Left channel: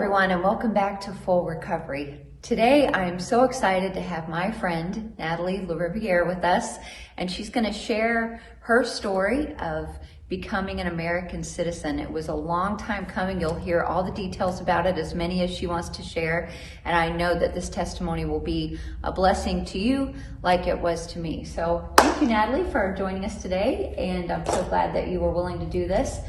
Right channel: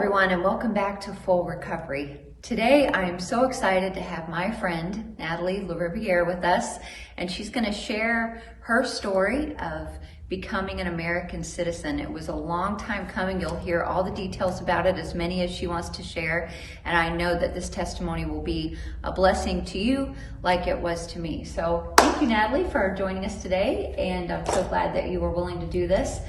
everyone, and welcome back to Full Recovery. Today, I'm so excited to have my friend, Nathalie with us, and she's going to share her story of becoming an American citizen. It was a long time coming. You'll hear all the details about it, as many as she wants to share, and I know that this testimony will be a blessing to you like it was to me. So thank you, Nathalie, for joining us today, and I'm so glad that you were willing to do this.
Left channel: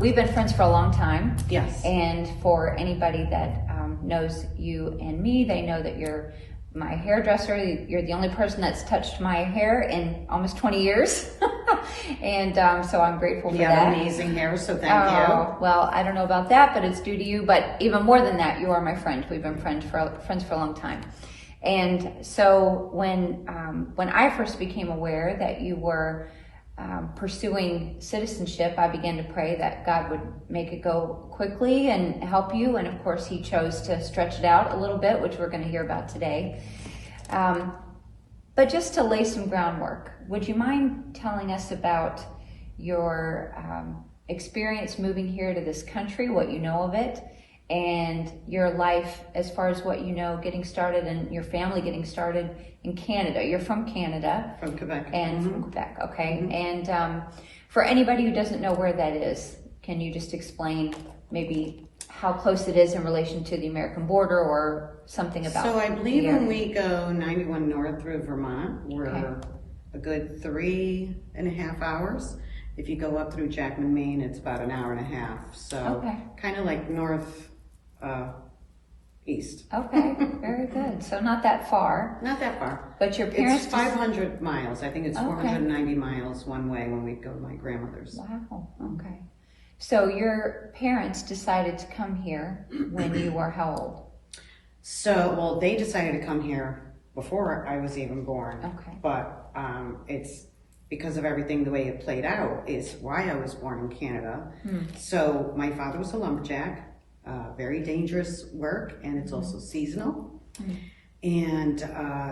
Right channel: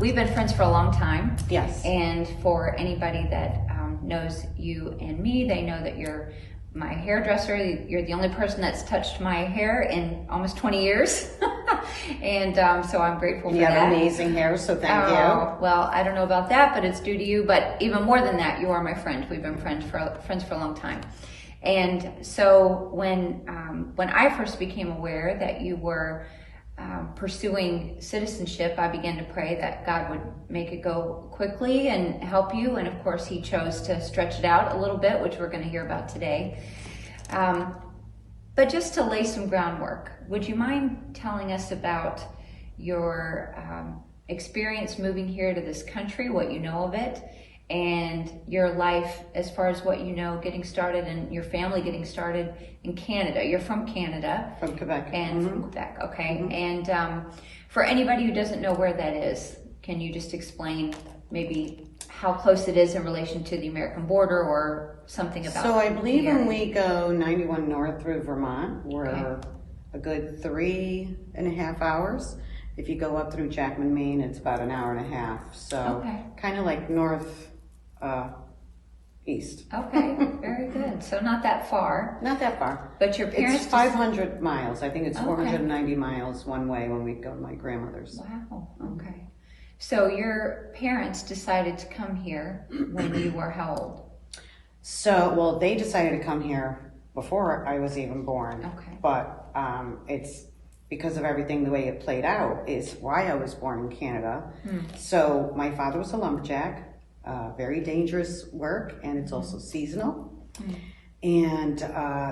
We've been friends for a long time. Yes. And for anybody that knows you and me, they know that you're my hairdresser. You're the only person that's touched my hair in almost 20 years. And so I'm grateful for that. You have amazing hair, so thank you. Well, I don't know about that, but it's due to you. But even more than that, you are my friend. We've been friends for a long time. And so when I first became aware that you were pursuing citizenship, I began to pray that God would make it go quickly and help you. And of course, He chose to stretch it out a little bit, which we're going to hear about today. But just to lay some groundwork, would you mind telling us about your experience moving here to this country, what you know of it, and your life as far as what you know getting started and your family getting started in Canada? You're from Canada. From Quebec. And from Quebec, okay. And for anybody who doesn't know where that is, can you just explain maybe how close it is in relation to the American border or something about? So I believe when we go 91 north through Vermont, we're a good 3.5 hours. If you go up through Jackman, Maine, it's about an hour and a half. So kind of like north east. Okay, very good. So not that far. Not that far. But your parents... It's 500 miles. I think it's 490 miles one way when we go to my grandmother's. Wow, okay. So your parents decided to come here when you were how old? So, well, they decided to come here before I was even born. Okay. But it's because of everything, the way it played out, is why I was born in Canada. So my father was a lumberjack. Very dangerous work, and it's also seasonal. And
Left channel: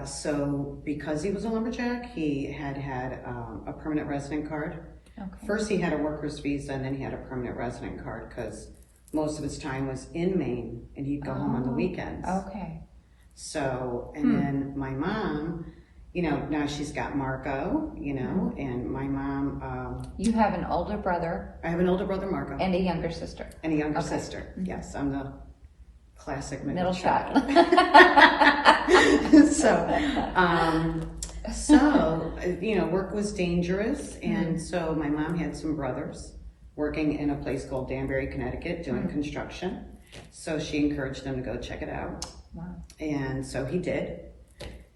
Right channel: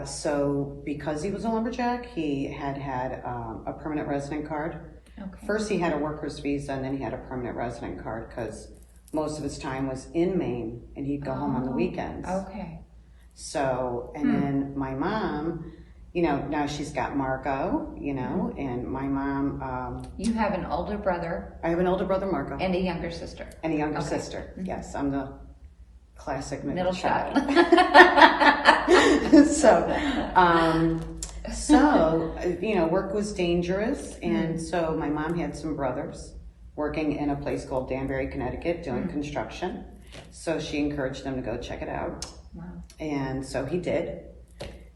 so because he was a lumberjack, he had a permanent resident card. First he had a worker's visa, and then he had a permanent resident card because most of his time was in Maine, and he'd go home on the weekends. So, and then my mom, you know, now she's got Marco, you know, and my mom... you have an older brother. I have an older brother, Marco. And a younger sister. And a younger sister, yes. I'm the classic middle child. So, you know, work was dangerous, and so my mom had some brothers working in a place called Danbury, Connecticut, doing construction. So she encouraged them to go check it out. Wow. And so he did.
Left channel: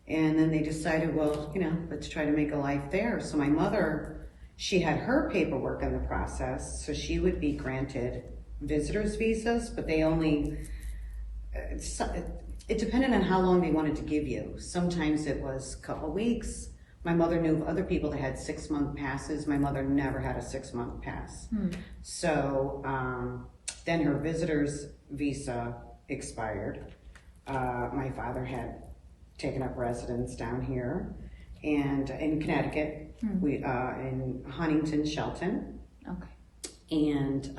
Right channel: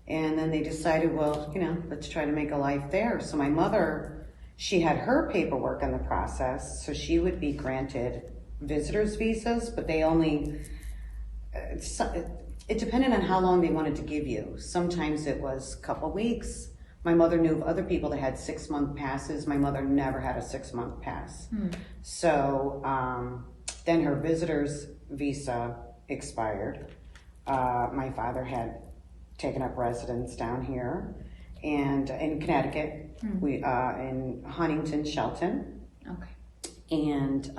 And then they decided, well, you know, let's try to make a life there. So my mother, she had her paperwork in the process, so she would be granted visitor's visas, but they only, it depended on how long they wanted to give you. Sometimes it was a couple weeks. My mother knew of other people that had 6-month passes. My mother never had a 6-month pass. So then her visitor's visa expired. My father had taken up residence down here, and in Connecticut, we in Huntington, Shelton. And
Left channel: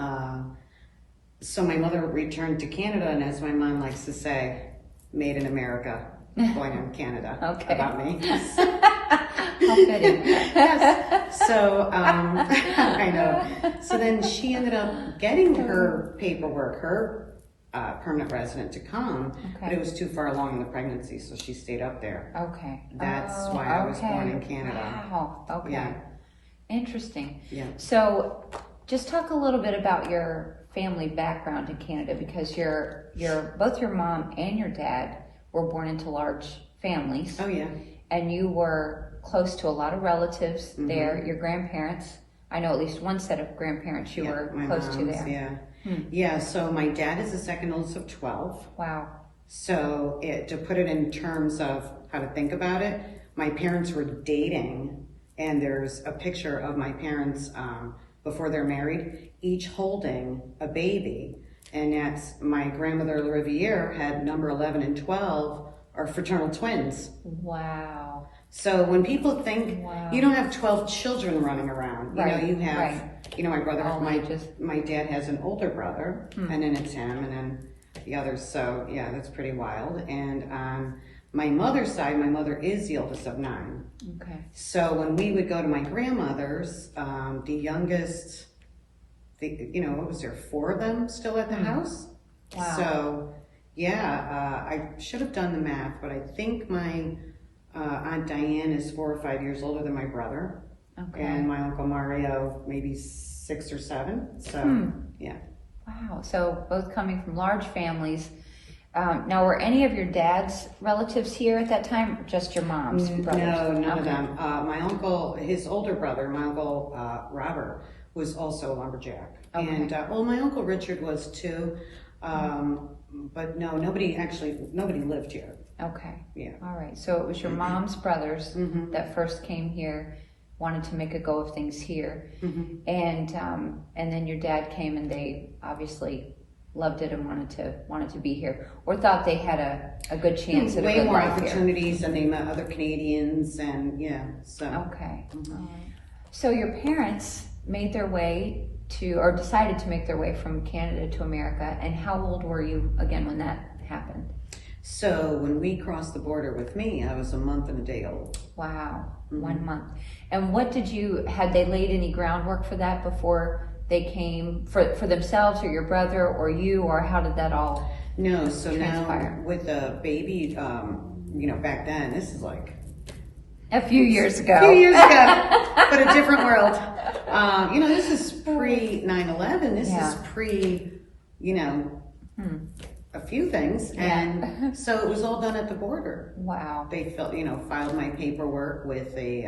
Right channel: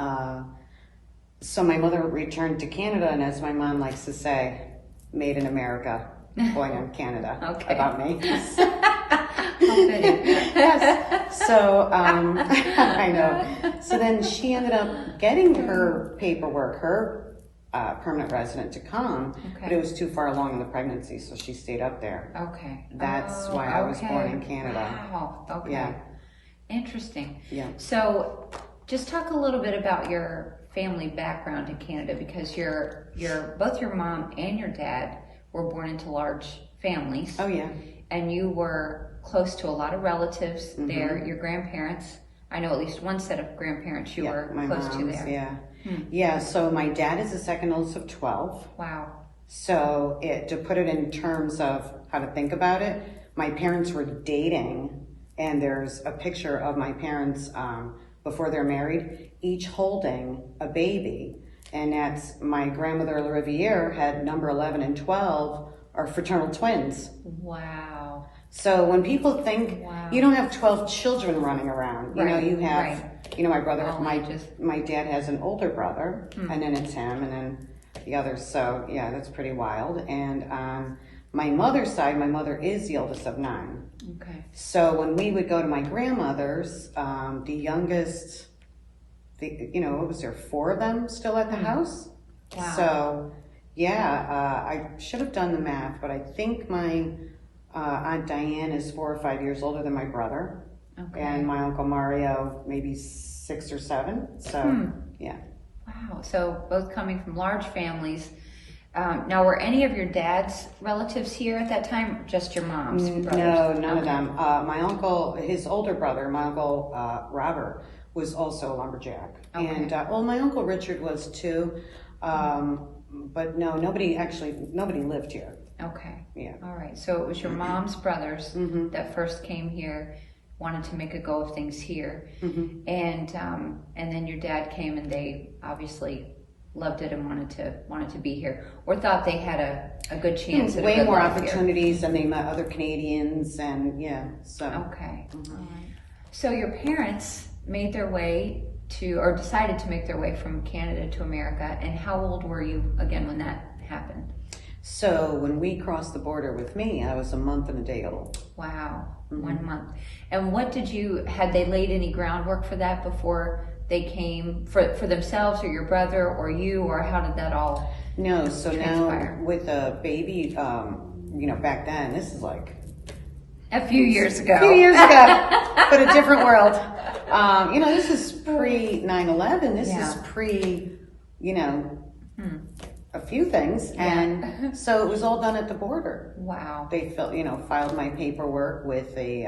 so my mother returned to Canada, and as my mom likes to say, made in America, born in Canada. About me. How fitting. Yes. So I know. So then she ended up getting her paperwork, her permanent resident to come, but it was too far along in the pregnancy, so she stayed up there. That's why I was born in Canada. Wow. Yeah. Interesting. Yeah. So just talk a little bit about your family background in Canada, because both your mom and your dad were born into large families. Oh yeah. And you were close to a lot of relatives there. Your grandparents, I know at least one set of grandparents you were close to there. Yeah. Yeah, so my dad is the second oldest of 12. Wow. So to put it in terms of how to think about it, my parents were dating, and there's a picture of my parents before they're married, each holding a baby. And that's my grandmother Riviere had number 11 and 12 are fraternal twins. Wow. So when people think, you don't have 12 children running around, you know, you have, you know, my brother, my dad has an older brother, and then it's him, and then the others. So yeah, that's pretty wild. And on my mother's side, my mother is the oldest of 9. Okay. So when we would go to my grandmother's, the youngest, what was there, 4 of them still at the house? Wow. So yeah, I should have done the math, but I think my Aunt Diane is 4 or 5 years older than my brother. Okay. And my Uncle Mario maybe 6 or 7. So yeah. Wow. So both coming from large families. Now, were any of your dad's relatives here at that time, or just your mom's brothers? No, none of them. My uncle, his older brother, my uncle Robert, was also a lumberjack. Okay. And my uncle Richard was too. But no, nobody lived here. Okay. Yeah. All right. So it was your mom's brothers that first came here, wanted to make a go of things here, and then your dad came, and they obviously loved it and wanted to be here, or thought they had a good chance at a Way good more life opportunities, and they met other Canadians, and yeah. So here. Okay. All right. So your parents made their way or decided to make their way from Canada to America, and how old were you again when that happened? So when we crossed the border with me, I was a month and a day old. Wow, 1 month. And had they laid any groundwork for that before they came, for themselves or your brother or you, or how did that all No, so transpire? now with a baby, back then, this is like A few years ago. a few years ago, but a different world. This is pre 9/11. This is pre, a few things, and so it was all done at the border. Wow. They filed my paperwork with a,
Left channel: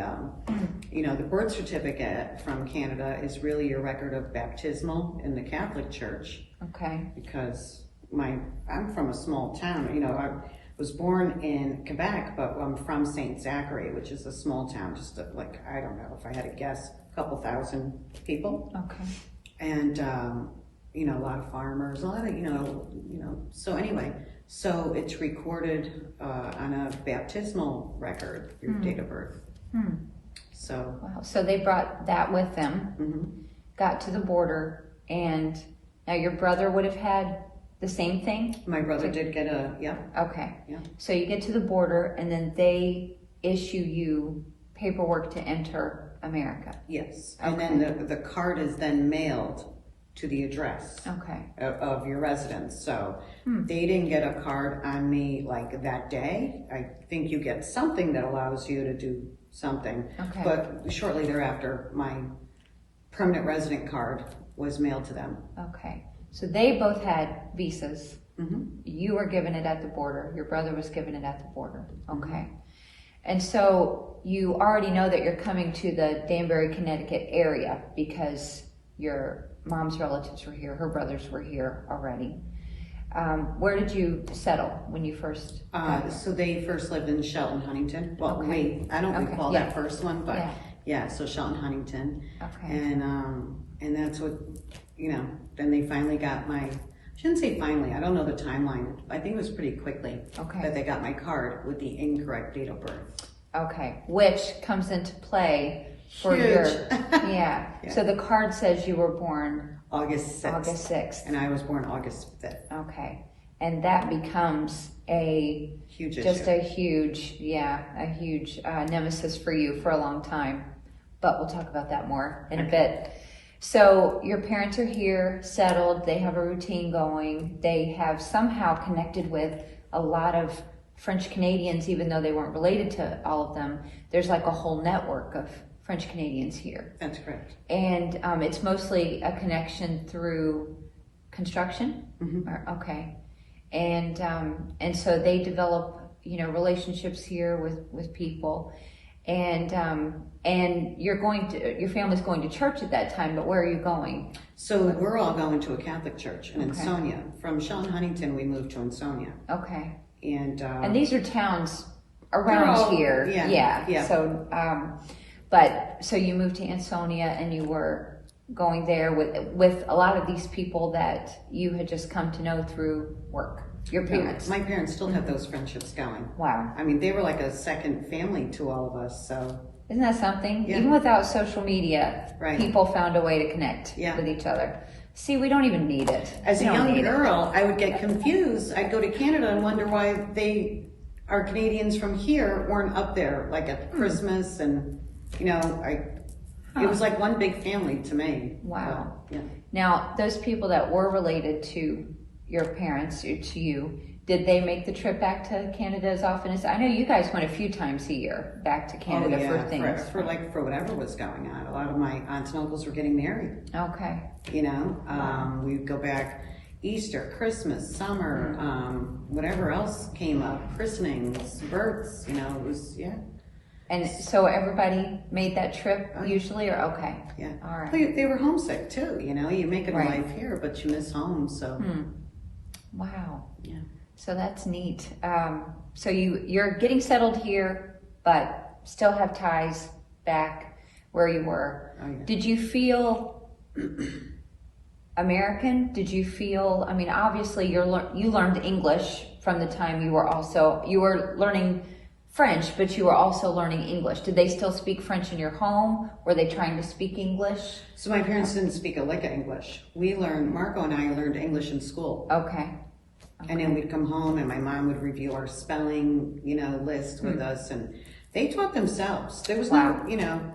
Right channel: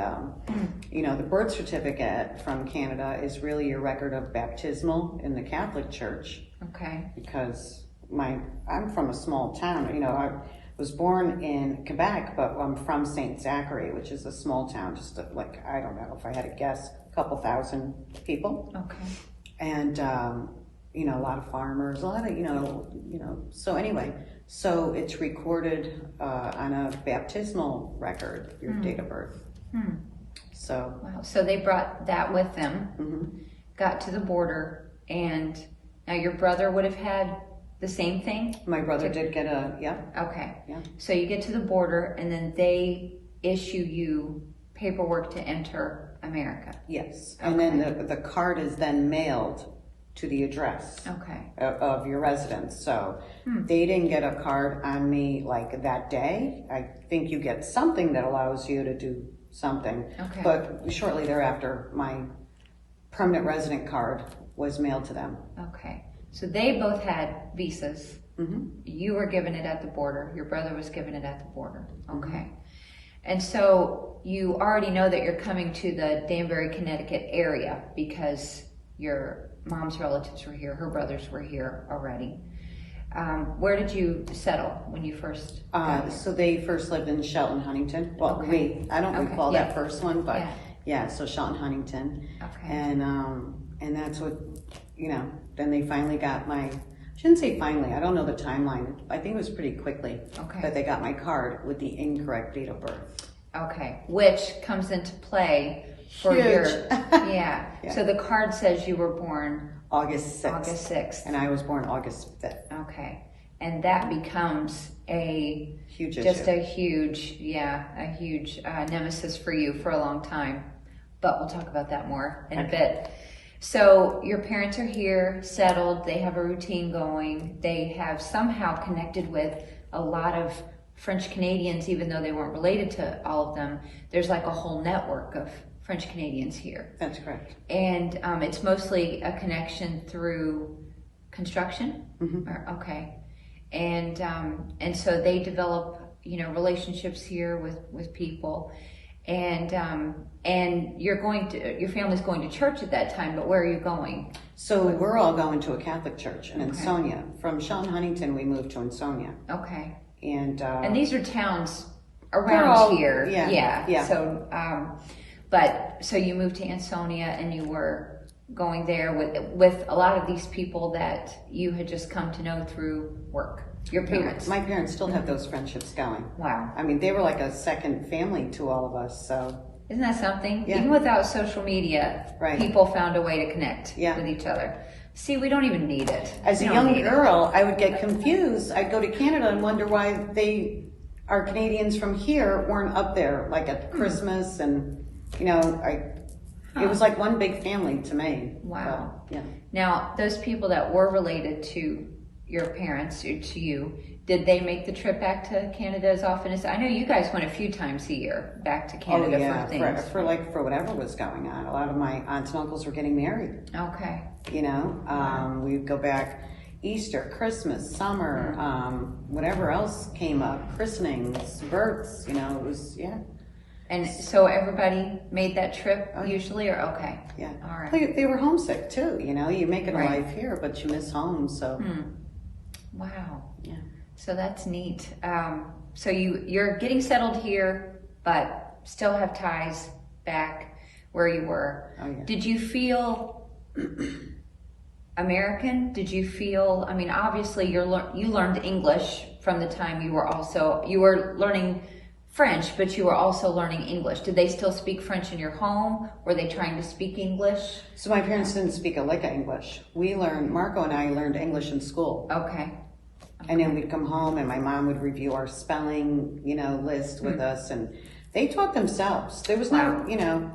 the birth certificate from Canada is really your record of baptismal in the Catholic Church. Okay. Because I'm from a small town. I was born in Quebec, but I'm from St. Zachary, which is a small town, just I don't know if I had to guess, a couple thousand people. Okay. And a lot of farmers, a lot of, so anyway, so it's recorded on a baptismal record, your date of birth. So. Wow. So they brought that with them, got to the border, and now your brother would have had the same thing? My brother did get yeah. Okay. Yeah. So you get to the border, and then they issue you paperwork to enter America. Yes. And then the card is then mailed to the address of your residence. So they didn't get a card on me like that day. I think you get something that allows you to do something. Okay. But shortly thereafter, my permanent resident card was mailed to them. Okay. So they both had visas. You were given it at the border. Your brother was given it at the border. Okay. And so you already know that you're coming to the Danbury, Connecticut area because your mom's relatives were here, her brothers were here already. Where did you settle when you first got here? So they first lived in Shelton, Huntington. Well, I don't recall that first one, but so Shelton, Huntington. Okay. And that's what, then they finally got I shouldn't say finally, I don't know the timeline. I think it was pretty quickly that they got my card with the incorrect date of birth. Okay, which comes into play for Huge. yeah. So the card says you were born August 6th. August 6th. And I was born August 5th. Okay. And that becomes a huge nemesis for you for a long time. But we'll talk about that more in a bit. So your parents are here, settled, they have a routine going, they have somehow connected with a lot of French Canadians, even though they weren't related to all of them. There's like a whole network of French Canadians here. That's correct. And it's mostly a connection through construction? Okay. And so they develop, relationships here with people. And your family's going to church at that time, but where are you going? So we're all going to a Catholic church in Ansonia. From Shelton, Huntington, we moved to Ansonia. Okay. And these are towns around here. Yeah. So you moved to Ansonia, and you were going there with a lot of these people that you had just come to know through work. Your parents. My parents still have those friendships going. Wow. I mean, they were like a second family to all of us, so. Isn't that something? Yeah. Even without social media, people found a way to connect with each other. See, we don't even need it. As a We don't young need it. girl, I would get confused. I'd go to Canada and wonder why our Canadians from here weren't up there, like at Christmas, and it was like one big family to me. Wow. But, yeah. Now, those people that were related to your parents or to you, did they make the trip back to Canada as often as? I know you guys went a few times a year back to Canada for things. For whatever was going on. A lot of my aunts and uncles were getting married. Okay. We'd go back Easter, Christmas, summer, whatever else came up, christenings, births, it was, yeah. And so everybody made that trip usually, or okay? Yeah. All right. They were homesick too, you make it a Right. life here, but you miss home, so. Wow. Yeah. So that's neat. So you're getting settled here, but still have ties back where you were. Oh, yeah. Did you feel American? Did you feel? I mean, obviously you learned English from the time you were learning French, but you were also learning English. Did they still speak French in your home? Were they trying to speak English? So my parents didn't speak a lick of English. Marco and I learned English in school. Okay. And then we'd come home and my mom would review our spelling, list with us, and they taught themselves. There was no,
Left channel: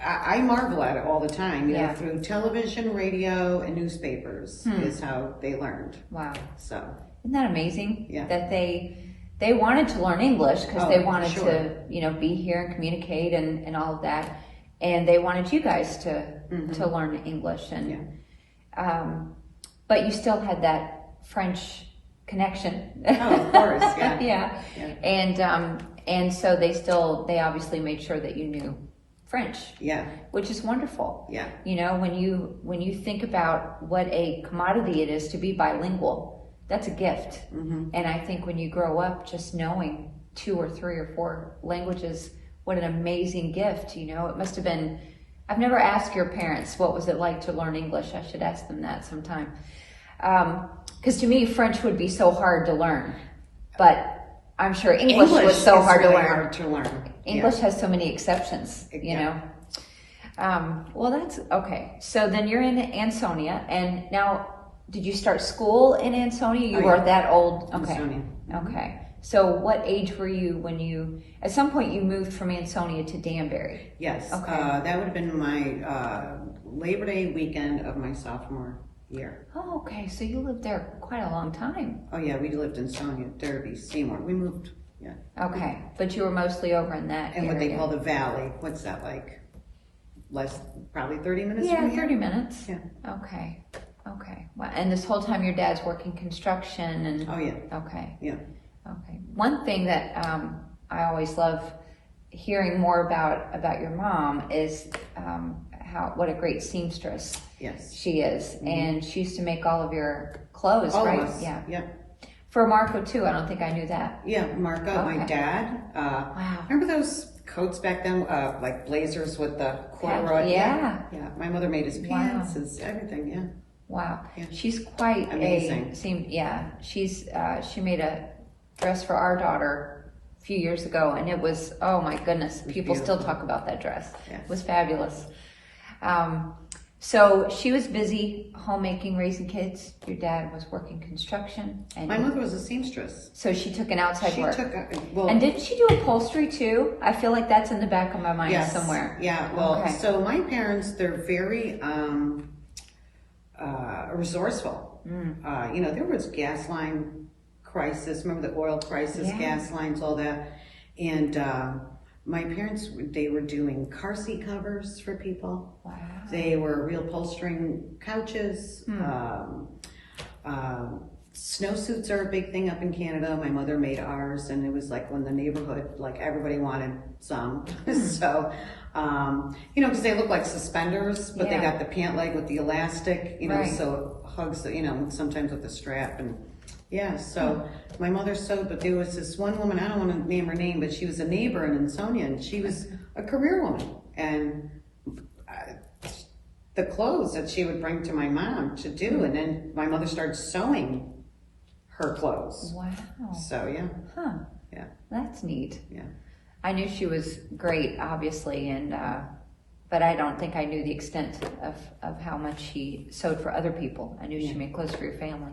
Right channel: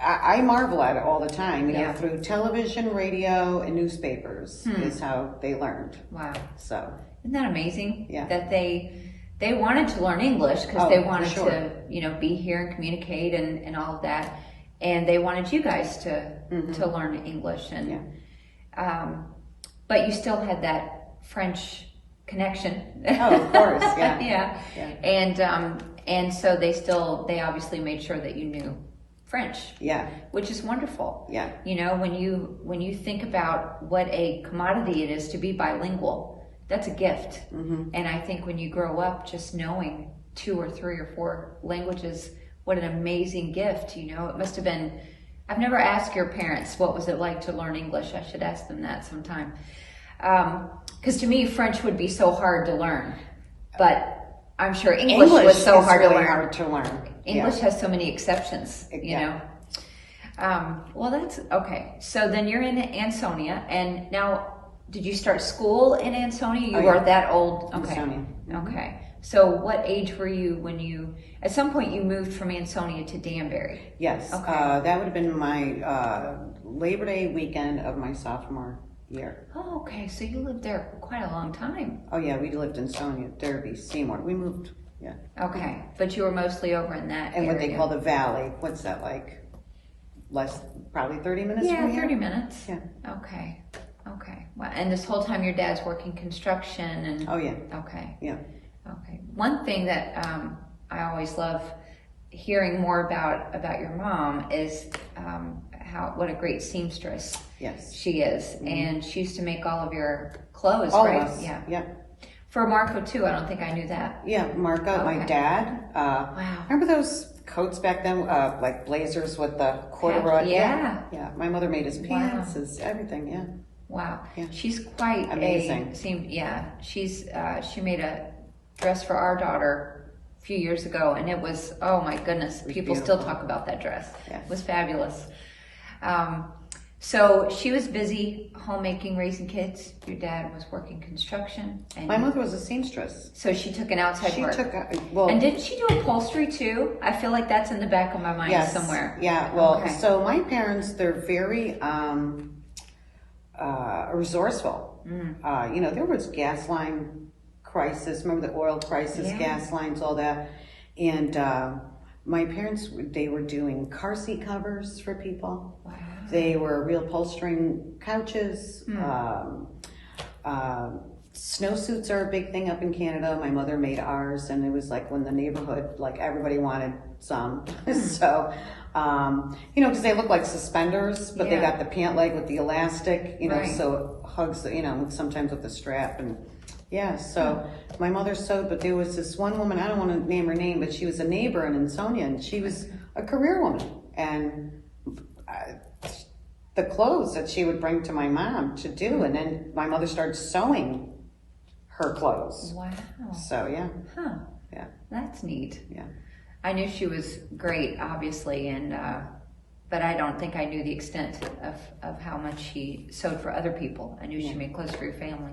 I marvel at it all the time, through television, radio, and newspapers is how they learned. Wow. So. Isn't that amazing? Yeah. That they wanted to learn English because they wanted to, be here and communicate and all of that. And they wanted you guys to learn English but you still had that French connection. Oh, of course, yeah. Yeah. And so they obviously made sure that you knew French. Yeah. Which is wonderful. Yeah. When you think about what a commodity it is to be bilingual, that's a gift. And I think when you grow up just knowing 2 or 3 or 4 languages, what an amazing gift, it must have been. I've never asked your parents what was it like to learn English. I should ask them that sometime. Because to me, French would be so hard to learn, but I'm sure English was so hard to learn. English has so many exceptions, Well, that's okay. So then you're in Ansonia, and now did you start school in Ansonia? You were that old? Okay. Ansonia. Okay. So what age were you when at some point you moved from Ansonia to Danbury? Yes. Okay. That would have been my Labor Day weekend of my sophomore year. Oh, okay. So you lived there for quite a long time. Oh yeah, we lived in Sonia, Derby, Seymour. We moved, Okay. But you were mostly over in that and area. what they call the valley. What's that like? Probably 30 minutes from here? 30 minutes. Yeah. Okay. Well, and this whole time your dad's working construction and. Oh yeah. Okay. Yeah. Okay. One thing that I always love hearing more about your mom is what a great seamstress she is, and she used to make all of your clothes, All right? of us. Yeah. For Marco too. I don't think I knew that. Yeah, Marco, my dad. Wow. Remember those coats back then, like blazers with the corduroy? Yeah. Yeah. My mother made his pants, his everything. Yeah. Wow. Yeah. She's quite amazing. She made a dress for our daughter a few years ago, and it was, oh my goodness, people still talk about that dress. Yes. It was fabulous. So she was busy homemaking, raising kids. Your dad was working construction. And My mother was a seamstress. so she took an outside work. Well, And did she do upholstery too? I feel like that's in the back of my mind somewhere. Yeah, well, Okay. so my parents, they're very resourceful. There was gas line crisis, remember the oil crisis, gas lines, all that. And my parents, they were doing car seat covers for people. Wow. They were reupholstering couches. Snowsuits are a big thing up in Canada. My mother made ours, and it was like when the neighborhood, like everybody wanted some. So, because they look like suspenders, but they got the pant leg with the elastic, so it hugs, sometimes with the strap. And so my mother sewed, but there was this one woman, I don't want to name her name, but she was a neighbor in Ansonia, and she was a career woman. And the clothes that she would bring to my mom to do, and then my mother started sewing her clothes. Wow. So Huh. yeah, That's neat. yeah. I knew she was great, obviously, and but I don't think I knew the extent of how much she sewed for other people. I knew she made clothes for your family.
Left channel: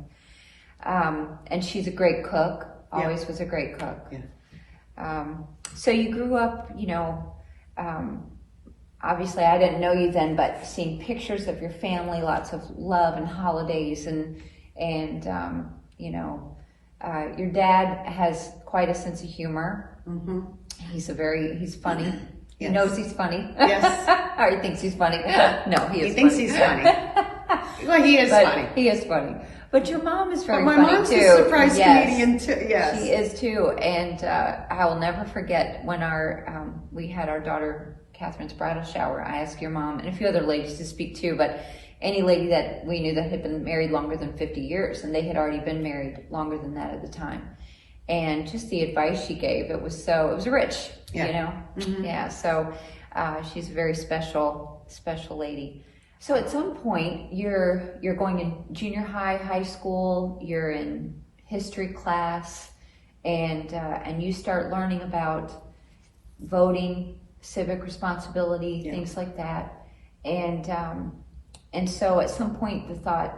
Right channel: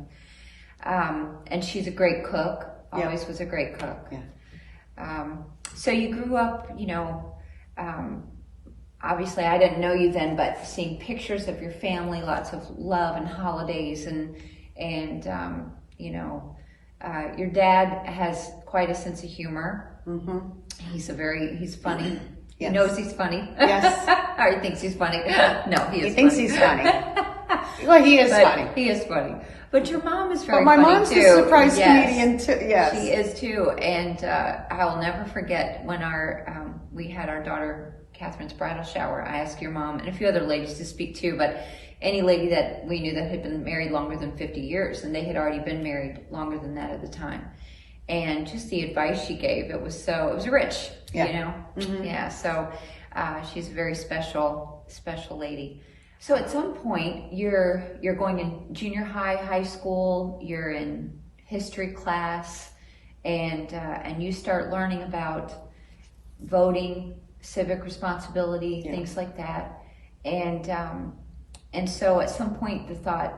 And she's a great cook, always was a great cook. Yeah. So you grew up, obviously I didn't know you then, but seeing pictures of your family, lots of love and holidays, and your dad has quite a sense of humor. Mm-hmm. He's funny. He knows he's funny. Yes. Or he thinks he's funny. No, he is. He thinks he's funny. Well, he is funny. He is funny. But your mom is very funny too. But my mom's a surprise comedian too. Yes, she is too. And I will never forget when we had our daughter Catherine's bridal shower. I asked your mom and a few other ladies to speak too, but any lady that we knew that had been married longer than 50 years, and they had already been married longer than that at the time. And just the advice she gave, it was rich, Mm-hmm. Yeah, so she's a very special lady. So at some point, you're going in junior high school, you're in history class, and you start learning about voting, civic responsibility, things like that. And so at some point, the thought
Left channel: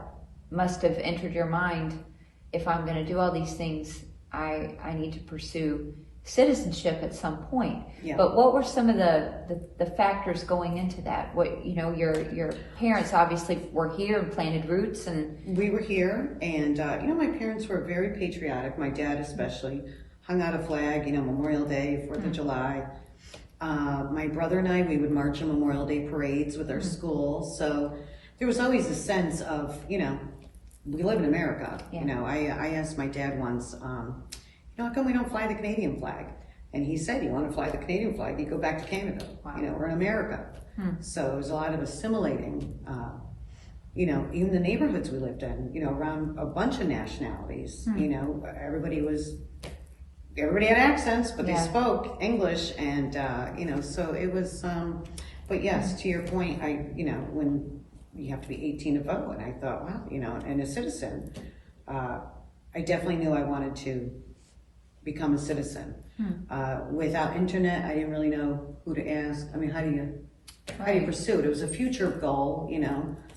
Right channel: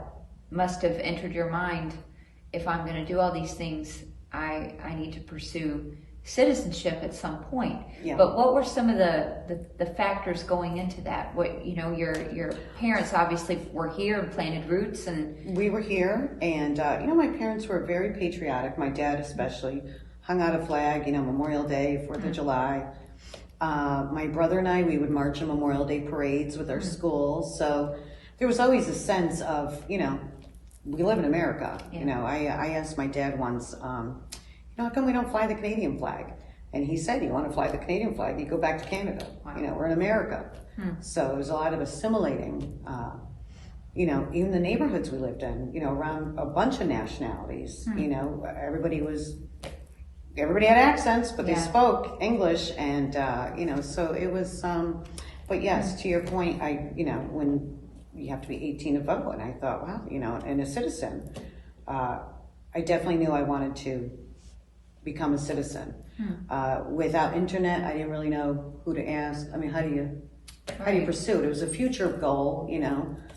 must have entered your mind, if I'm going to do all these things, I need to pursue citizenship at some point. Yeah. But what were some of the factors going into that? What, your parents obviously were here and planted roots, and we were here, and my parents were very patriotic. My dad especially hung out a flag, Memorial Day, 4th of July. My brother and I, we would march in Memorial Day parades with our schools. So there was always a sense of, we live in America. Yeah. I asked my dad once, how come we don't fly the Canadian flag? And he said, you want to fly the Canadian flag, you go back to Canada. Wow. We're in America. So it was a lot of assimilating, even the neighborhoods we lived in, around a bunch of nationalities. Everybody had accents, but they spoke English, and, so it was, but yes, to your point, when you have to be 18 to vote, and I thought, wow, and a citizen, I definitely knew I wanted to become a citizen. Without internet, I didn't really know who to ask. I mean, how do you pursue it? It was a future goal,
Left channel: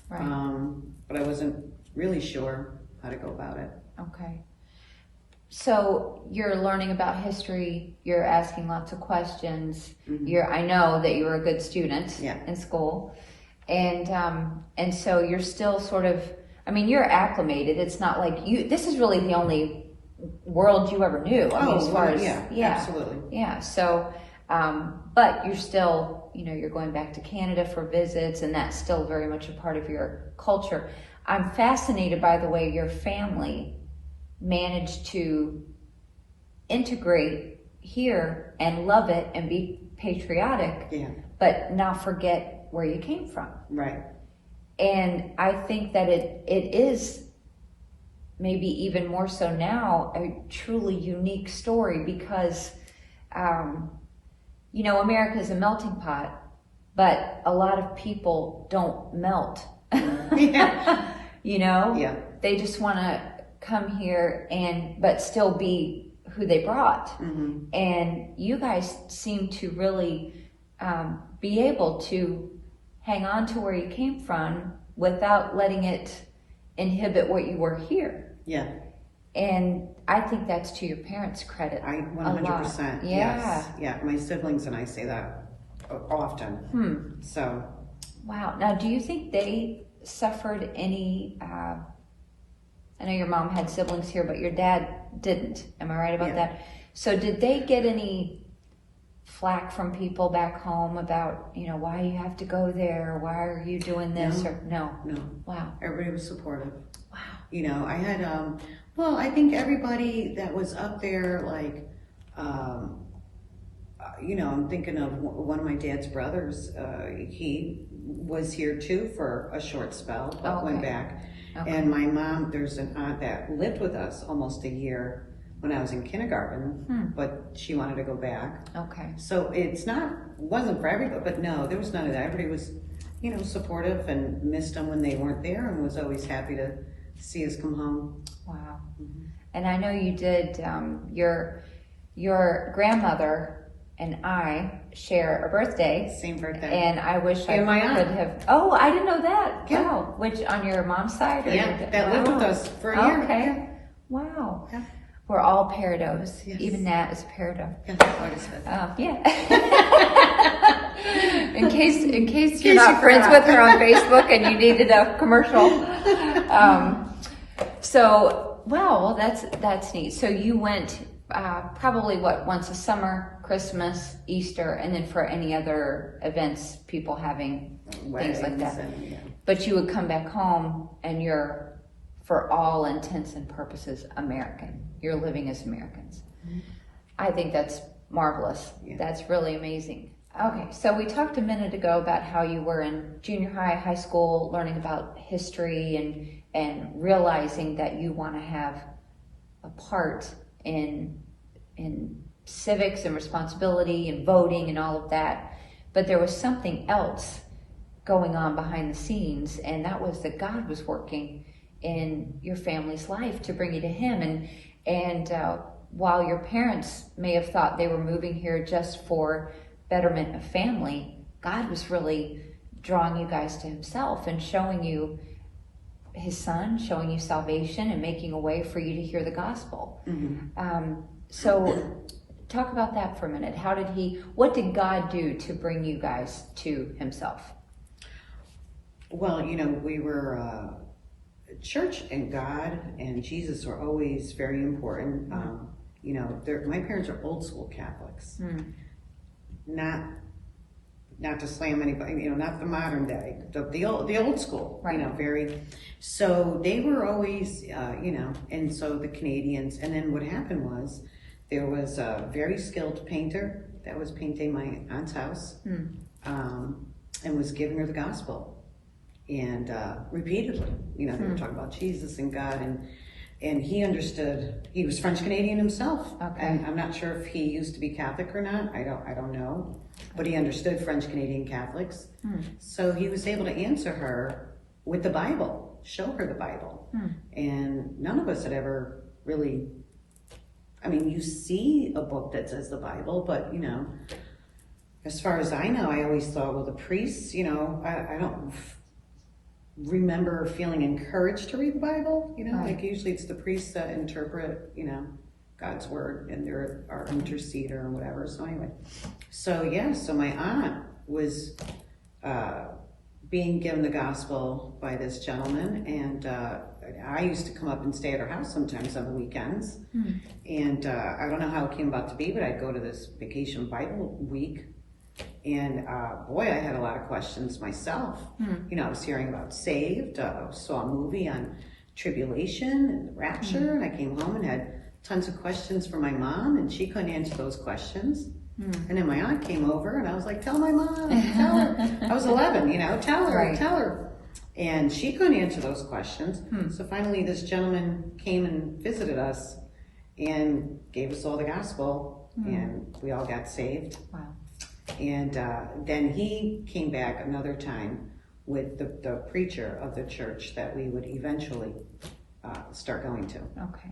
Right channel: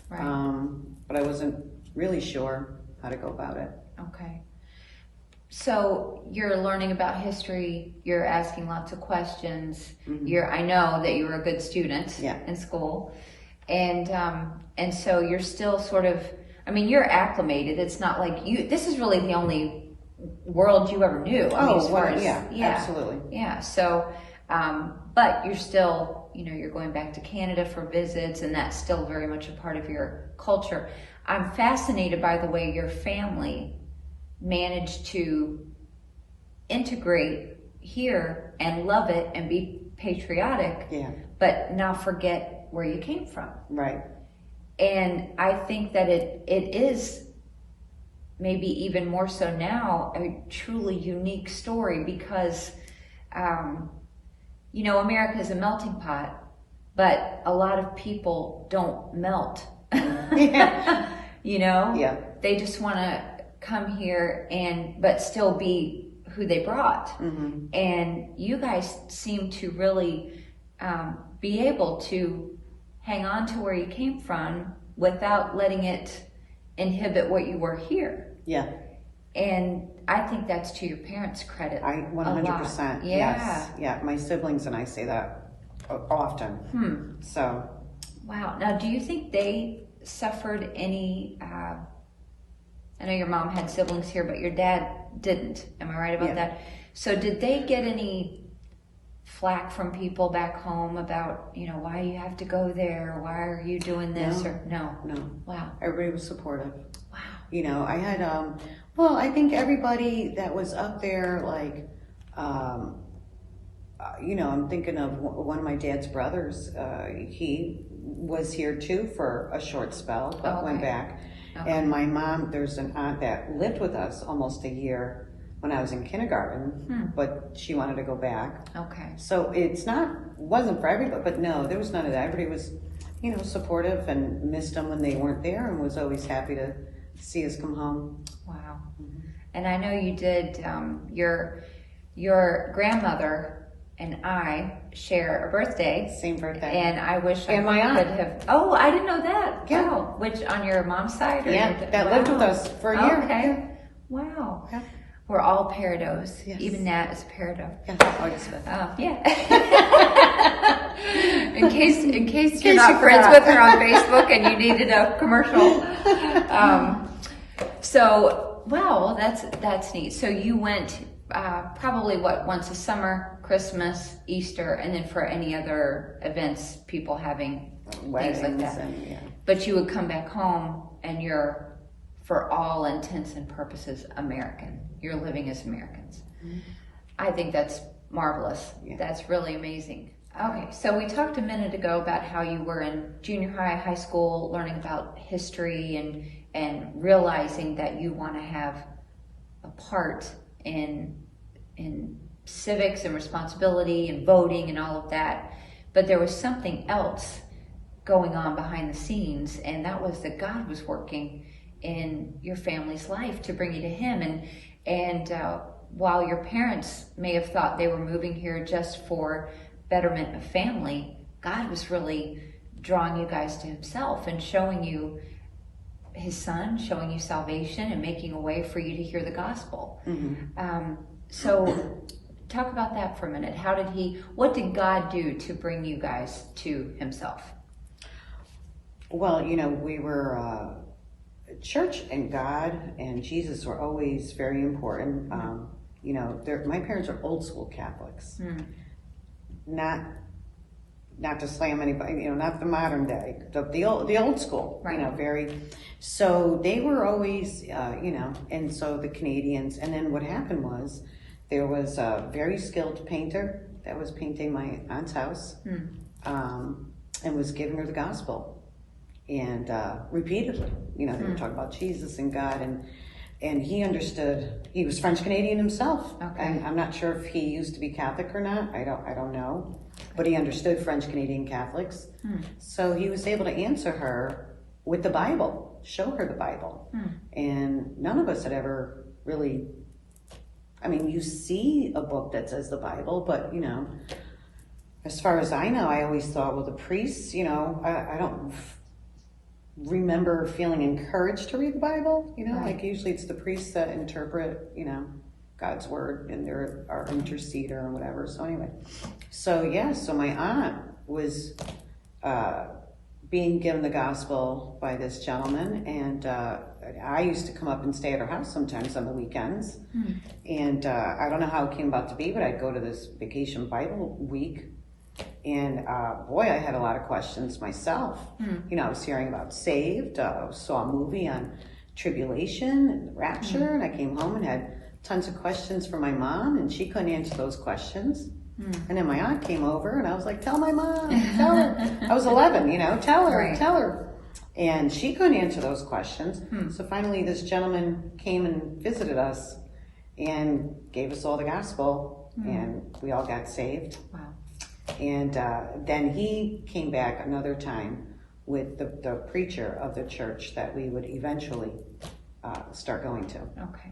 but I wasn't really sure how to go about it. Okay. So you're learning about history, you're asking lots of questions. Mm-hmm. I know that you were a good student in school. And so you're still sort of, you're acclimated. It's not like this is really the only world you ever knew. Absolutely. Yeah. So, but you're still, you're going back to Canada for visits, and that's still very much a part of your culture. I'm fascinated by the way your family managed to integrate here and love it and be patriotic, but not forget where you came from. Right. And I think that it is maybe even more so now a truly unique story because, America is a melting pot, but a lot of people don't melt. They just want to come here but still be who they brought. Mm-hmm. And you guys seem to really be able to hang on to where you came from without letting it inhibit what you were here. Yeah. And I think that's to your parents' credit. 100%. Yeah. Yes. Yeah. My siblings and I say that often. So. Wow. Now, do you think they suffered any, I know your mom had siblings here, but your dad didn't. Am I right about that? So did they get any flack from people back home about, why you have to go there? Why are you doing this? No. Wow. Everybody was supportive. Wow. I had, I think everybody that was up there, like, I'm thinking of one of my dad's brothers. He was here too for a short spell, but went back. Okay. And my mom, there's an aunt that lived with us almost a year when I was in kindergarten, but she wanted to go back. Okay. So wasn't for everybody, but no, there was none of that. Everybody was, supportive and missed them when they weren't there and was always happy to see us come home. Wow. Mm-hmm. And I know you did, your grandmother and I share a birthday. Same birthday. And I wish I my aunt. could have. Oh, I didn't know that. Yeah. Wow. Which, on your mom's side? Or Yeah, your, that lived with us for a year. Okay. Yeah. Wow. Yeah. We're all peridot. Yes. Even Nat is peridot. Yeah, August 5th. Yeah. in case you're you not friends forgot. with her on Facebook and you needed a commercial. So, wow, that's neat. So you went probably once a summer, Christmas, Easter, and then for any other events, people having things like that. And, yeah. But you would come back home and you're, for all intents and purposes, American. You're living as Americans. Mm-hmm. I think that's marvelous. Yeah. That's really amazing. Okay, so we talked a minute ago about how you were in junior high, high school, learning about history and realizing that you want to have a part in civics and responsibility and voting and all of that. But there was something else going on behind the scenes, and that was that God was working in your family's life to bring you to Him. And while your parents may have thought they were moving here just for betterment of family, God was really drawing you guys to Himself and showing you His Son, showing you salvation and making a way for you to hear the gospel. Mm-hmm. So talk about that for a minute. What did God do to bring you guys to Himself? Well, we were, church and God and Jesus were always very important. Mm-hmm. My parents are old school Catholics. Mm. Not to slam anybody, not the modern day, the old school, right. Very. So they were always, and so the Canadians. And then what happened was there was a very skilled painter that was painting my aunt's house, and was giving her the gospel. And repeatedly, they were talking about Jesus and God, and he understood. He was French Canadian himself, okay. And I'm not sure if he used to be Catholic or not. I don't know, but he understood French Canadian Catholics, so he was able to answer her with the Bible, show her the Bible, and none of us had ever really. I mean, you see a book that says the Bible, but as far as I know, I always thought, well, the priests, I don't remember feeling encouraged to read the Bible, right. Like usually it's the priests that interpret, God's word, and they're our interceder or whatever. So anyway, so my aunt was being given the gospel by this gentleman, and I used to come up and stay at her house sometimes on the weekends, and I don't know how it came about to be, but I'd go to this vacation Bible week. And boy, I had a lot of questions myself. I was hearing about saved, saw a movie on tribulation and the rapture, and I came home and had tons of questions for my mom, and she couldn't answer those questions. And then my aunt came over, and I was like, tell my mom, tell her. I was 11, tell her, right. tell her. And she couldn't answer those questions. So finally this gentleman came and visited us and gave us all the gospel, and we all got saved. Wow. And then he came back another time with the preacher of the church that we would eventually start going to. Okay.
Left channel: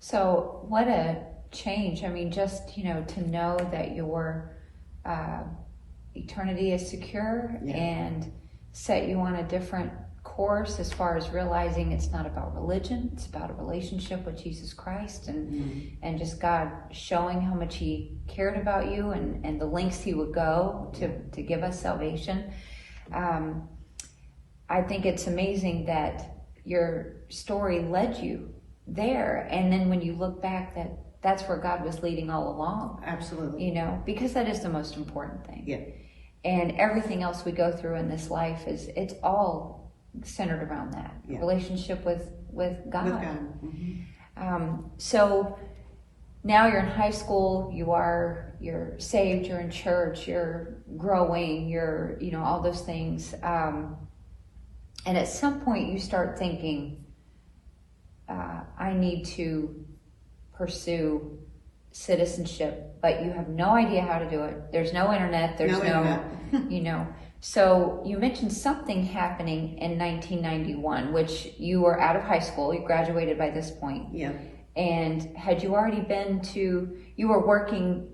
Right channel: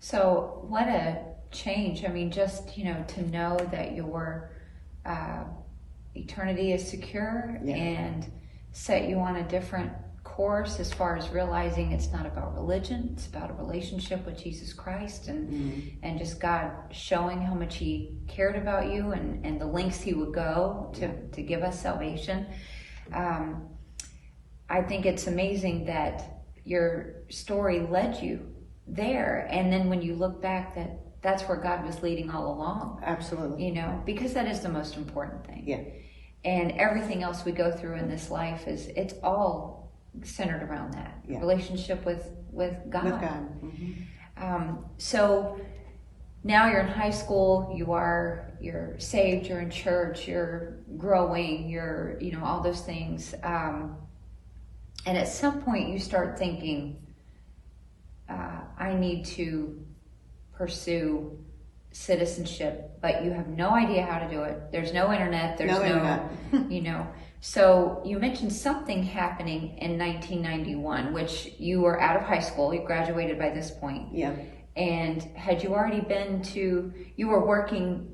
So what a change. I mean, just, to know that your eternity is secure, yeah. And set you on a different course as far as realizing it's not about religion, it's about a relationship with Jesus Christ, and just God showing how much He cared about you and the lengths He would go to give us salvation. I think it's amazing that your story led you there, and then when you look back, that's where God was leading all along. Absolutely. Because that is the most important thing. Yeah. And everything else we go through in this life it's all centered around that relationship with God. With God. So now you're in high school, you're saved, you're in church, you're growing, you're all those things, and at some point you start thinking, I need to pursue citizenship, but you have no idea how to do it. There's no internet, there's no So you mentioned something happening in 1991, which you were out of high school, you graduated by this point. Yeah. And had you already you were working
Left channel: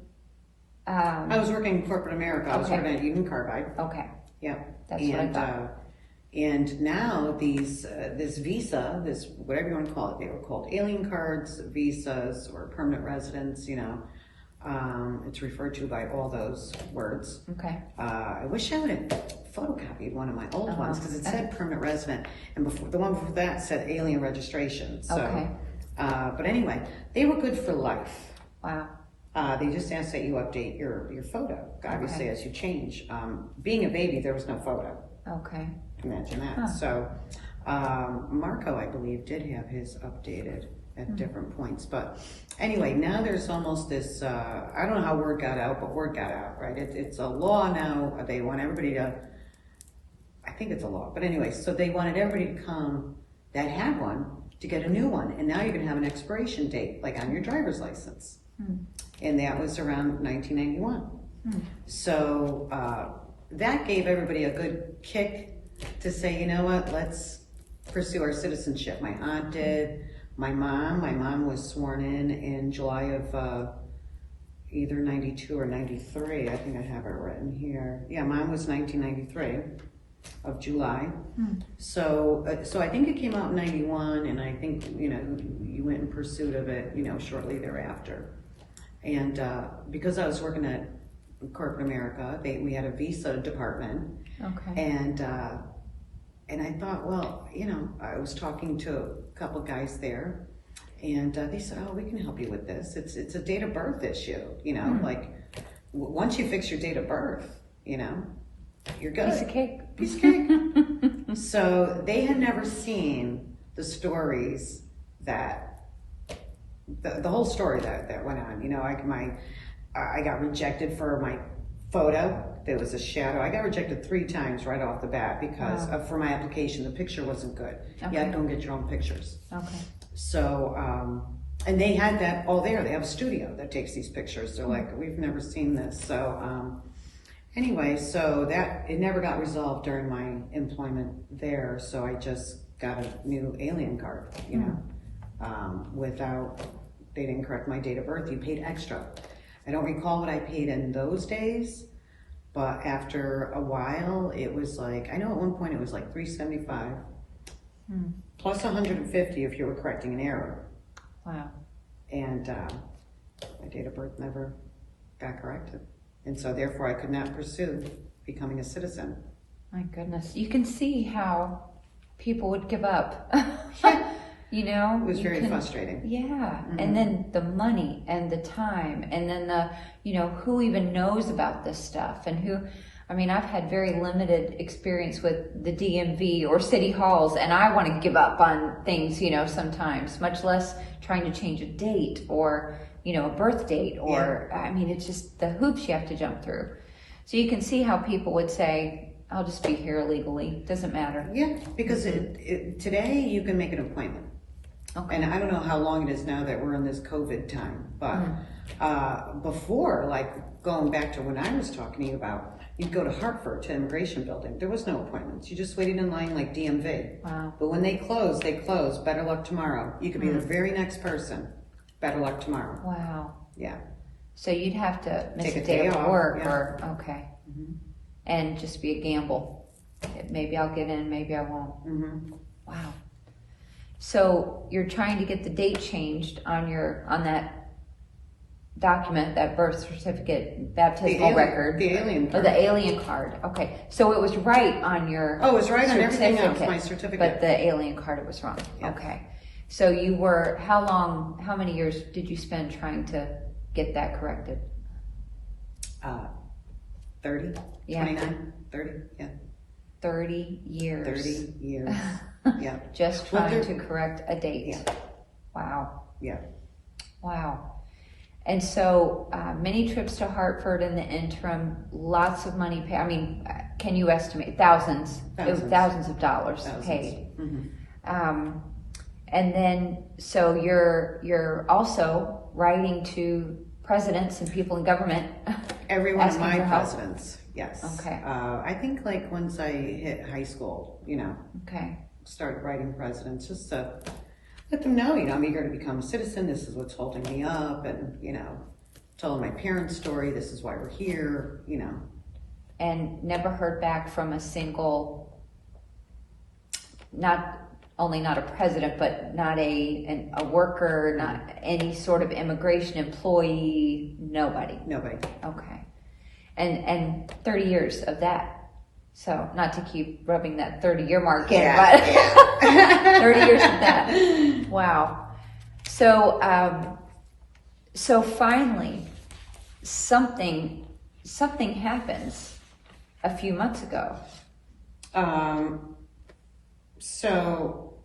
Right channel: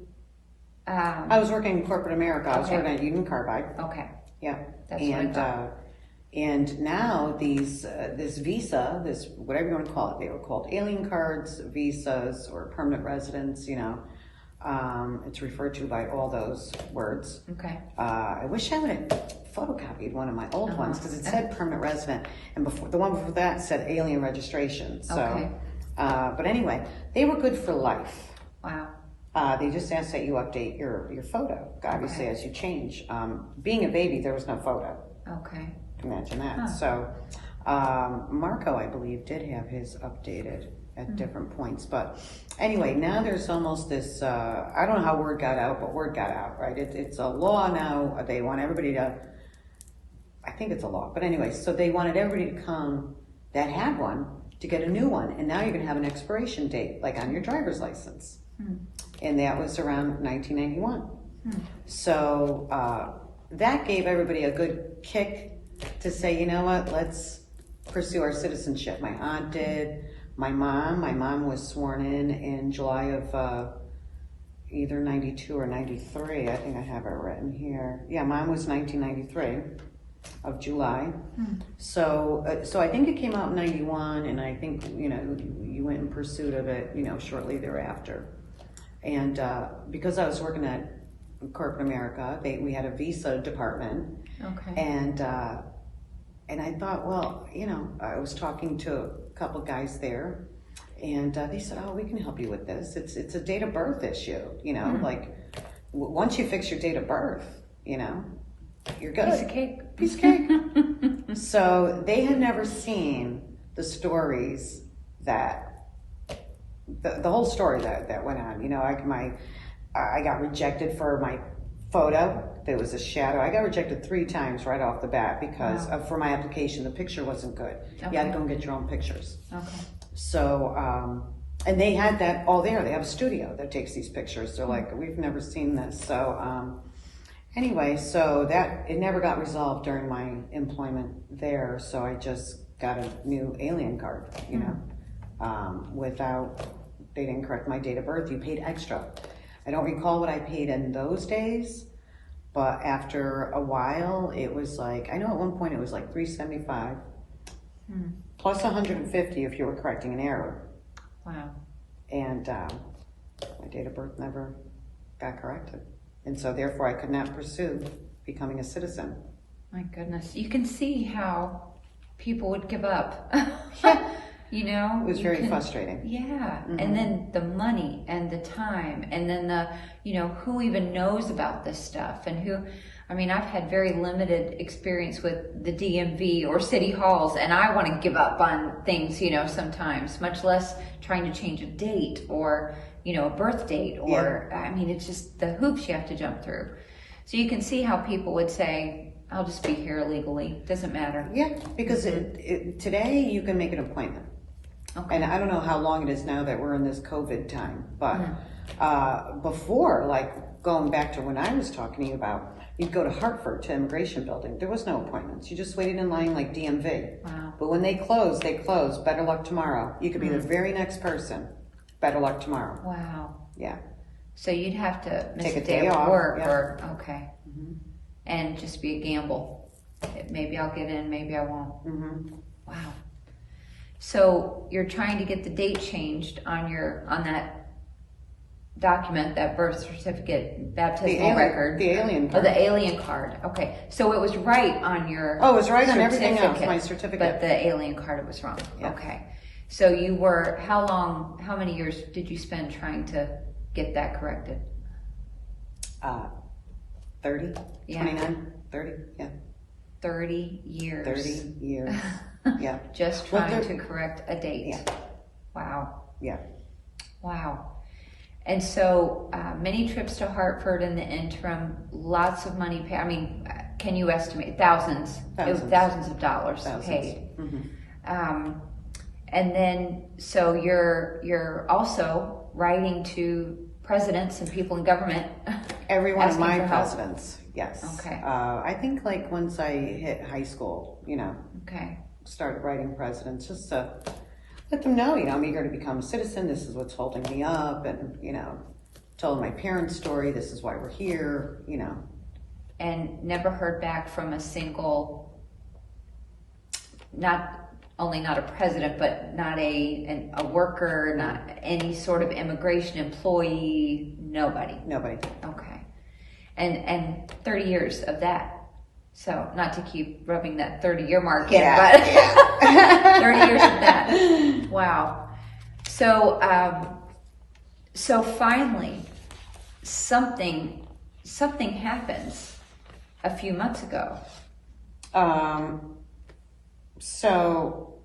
I was working in corporate America. I was Okay. working at Union Carbide. Okay, Yeah. that's what I And, thought. and now this visa, this, whatever you want to call it, they were called alien cards, visas, or permanent residence, you know. It's referred to by all those words. Okay. I wish I would have photocopied one of my old ones because it Uh-huh. said permanent resident, and before the one before that said alien registration. So, Okay. but anyway, they were good for life. Wow. They just ask that you update your photo, obviously, Okay. as you change. Being a baby, there was no photo. Okay. Imagine that. Huh. So, Marco, I believe, did have his updated at different points. But anyway, now there's almost this, I don't know how word got out, but word got out, right? It's a law now. They want everybody to, I think it's a law. But anyway, so they wanted everybody to come that had one to get a new one. And now you're going to have an expiration date, like on your driver's license. And that was around 1991. So that gave everybody a good kick to say, you know what, let's pursue our citizenship. My aunt did, my mom was sworn in July of either 92 or 93. I think I have it written here. Yeah, mine was 1993 of July. So I think it came out in 91, and I think, you know, you went in pursuit of it, you know, shortly thereafter. And because I was working at corporate America, we had a visa department. Okay. And I thought, well, you know, I was talking to a couple guys there, and they said, oh, we can help you with this. It's a date of birth issue, you know, like once you fix your date of birth, you know, you're good. Piece of cake. Piece of cake. So they had never seen the stories that, the whole story that went on. You know, I got rejected for my photo. There was a shadow. I got rejected 3 times right off the bat because for my application, the picture wasn't good. Okay. Yeah, don't get your own pictures. Okay. So, and they had that all there. They have a studio that takes these pictures. They're like, we've never seen this. So, anyway, so that, it never got resolved during my employment there. So I just got a new alien card, you know, they didn't correct my date of birth. You paid extra. I don't recall what I paid in those days, but after a while, it was like, I know at one point it was like $375 plus $150 if you were correcting an error. Wow. And my date of birth never got corrected. And so therefore I could not pursue becoming a citizen. My goodness. You can see how people would give up. You know? It was you very frustrating. Yeah. And then the money and the time and then the, you know, who even knows about this stuff and who, I mean, I've had very limited experience with the DMV or city halls, and I want to give up on things, you know, sometimes, much less trying to change a date or, you know, a birth date or, I mean, it's just the hoops you have to jump through. So you can see how people would say, I'll just be here illegally. Doesn't matter. Yeah, because today you can make an appointment. Okay. And I don't know how long it is now that we're in this COVID time, but before, like going back to when I was talking to you about, you'd go to Hartford to immigration building. There was no appointments. You just waited in line like DMV. Wow. But when they close, they close. Better luck tomorrow. You could be the very next person. Better luck tomorrow. Wow. Yeah. So you'd have to miss Take a a day day of off, work yeah. or, okay. And just be a gamble. Maybe I'll get in, maybe I won't. Wow. So you're trying to get the date changed on that document, that birth certificate, baptismal record. The alien Oh, card. the alien card. Okay. So it was right on your Oh, it was right on everything else, my but certificate. the alien card, it was wrong. Yeah. Okay. So you were, how many years did you spend trying to get that corrected? 30, Yeah. 29, 30, yeah, 30 years. 30 years, yeah, Just Well, trying there- to correct a date. Yeah. Wow. yeah. Wow. And so many trips to Hartford in the interim, lots of money paid. I mean, can you estimate? Thousands. It was thousands of dollars paid. And then, so you're also writing to presidents and people in government. Every one of asking my for help? presidents, yes. Okay. I think like once I hit high school, you know, Okay. started writing presidents just to let them know, you know, I'm eager to become a citizen. This is what's holding me up, and you know, told my parents' story. This is why we're here, you know. And never heard back from a single, not only not a president, but not a worker, not any sort of immigration employee, nobody. Nobody. Okay. And 30 years of that. So not to keep rubbing that 30-year mark in, but 30 years of that. Wow. So, so finally, something happens a few months ago. So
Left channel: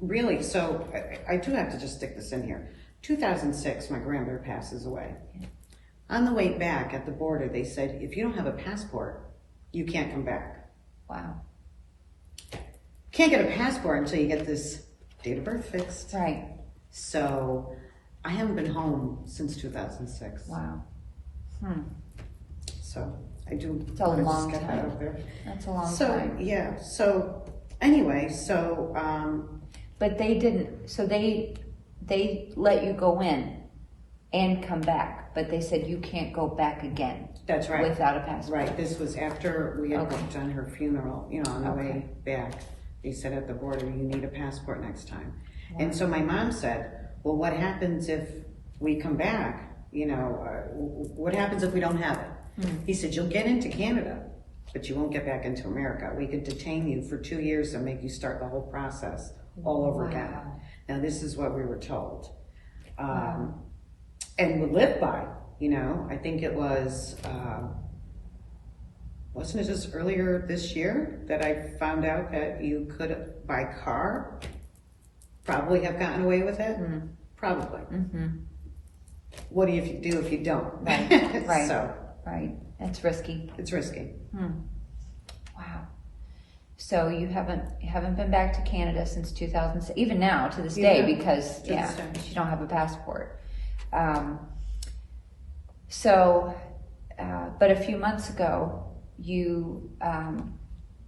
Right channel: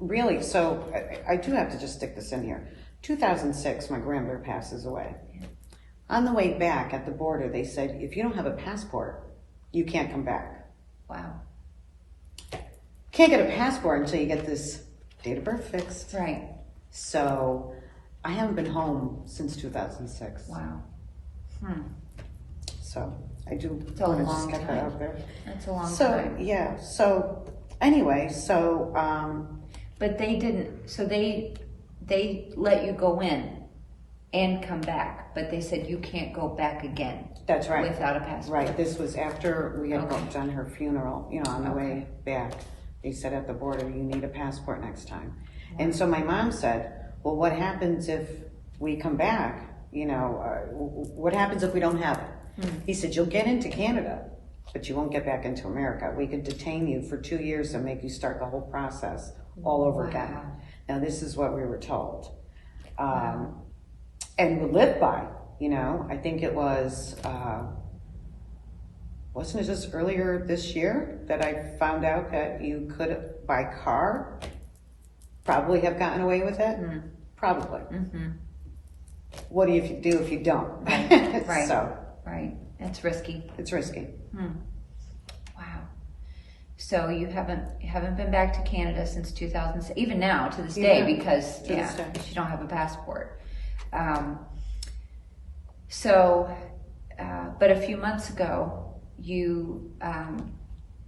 really, so I do have to just stick this in here. 2006, my grandmother passes away. On the way back at the border, they said, if you don't have a passport, you can't come back. Wow. Can't get a passport until you get this date of birth fixed. Right. So I haven't been home since 2006. Wow. So I do. It's a long get that time. out there. That's a long So time. yeah. So anyway, But they didn't, so they let you go in and come back, but they said you can't go back again. That's right. Without a passport. Right. This was after we had done her funeral. You know, on the way back, they said at the border, you need a passport next time. Wow. And so my mom said, well, what happens if we come back? You know, what happens if we don't have it? He said, you'll get into Canada, but you won't get back into America. We could detain you for 2 years and make you start the whole process all over again. Now, this is what we were told. And we lived by, you know, I think it was, wasn't it just earlier this year that I found out that you could, by car, probably have gotten away with it? Probably. What do you do if you don't? Right, right, So, right. That's risky. it's risky. Wow. So you haven't been back to Canada since 2006, even now to this day, because this day. you don't have a passport. But a few months ago, you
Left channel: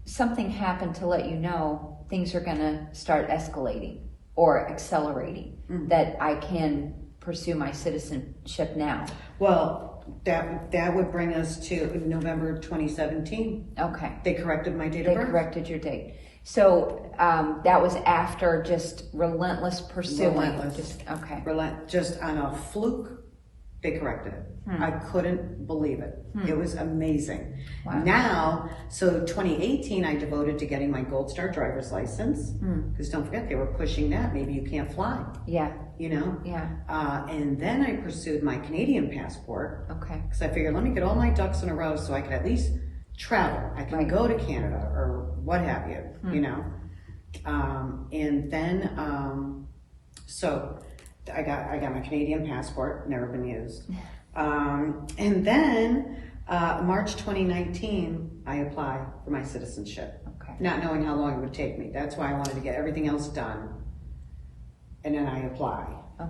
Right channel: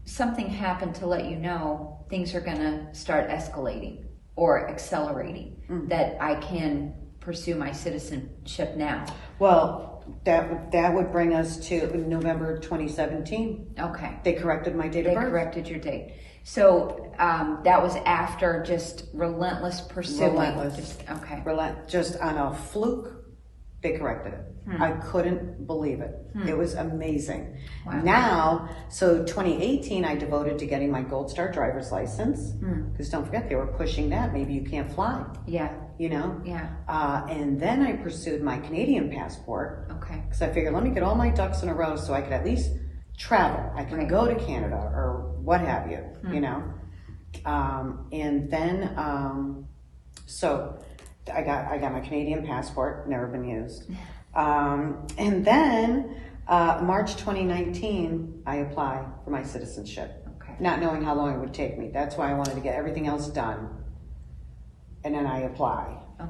something happened to let you know things are going to start escalating or accelerating. That I can pursue my citizenship now. Well, that would bring us to November 2017. Okay. They corrected my date They of birth. corrected your date. So that was after just relentless pursuing. Relentless. Just on a fluke, they corrected it. I couldn't believe it. It was amazing. Wow. Now, so 2018, I devoted to getting my Gold Star driver's license. Because don't forget, they were pushing that. Maybe you can't fly. Yeah. You know? Yeah. And then I pursued my Canadian passport. Okay. Because I figured, let me get all my ducks in a row so I could at least travel. I can go to Canada or what have you, you know. And then, so I got my Canadian passport, never been used. And then March 2019, I applied for my citizenship, not knowing how long it would take me. That's why I wanted to get everything else done, and then I apply.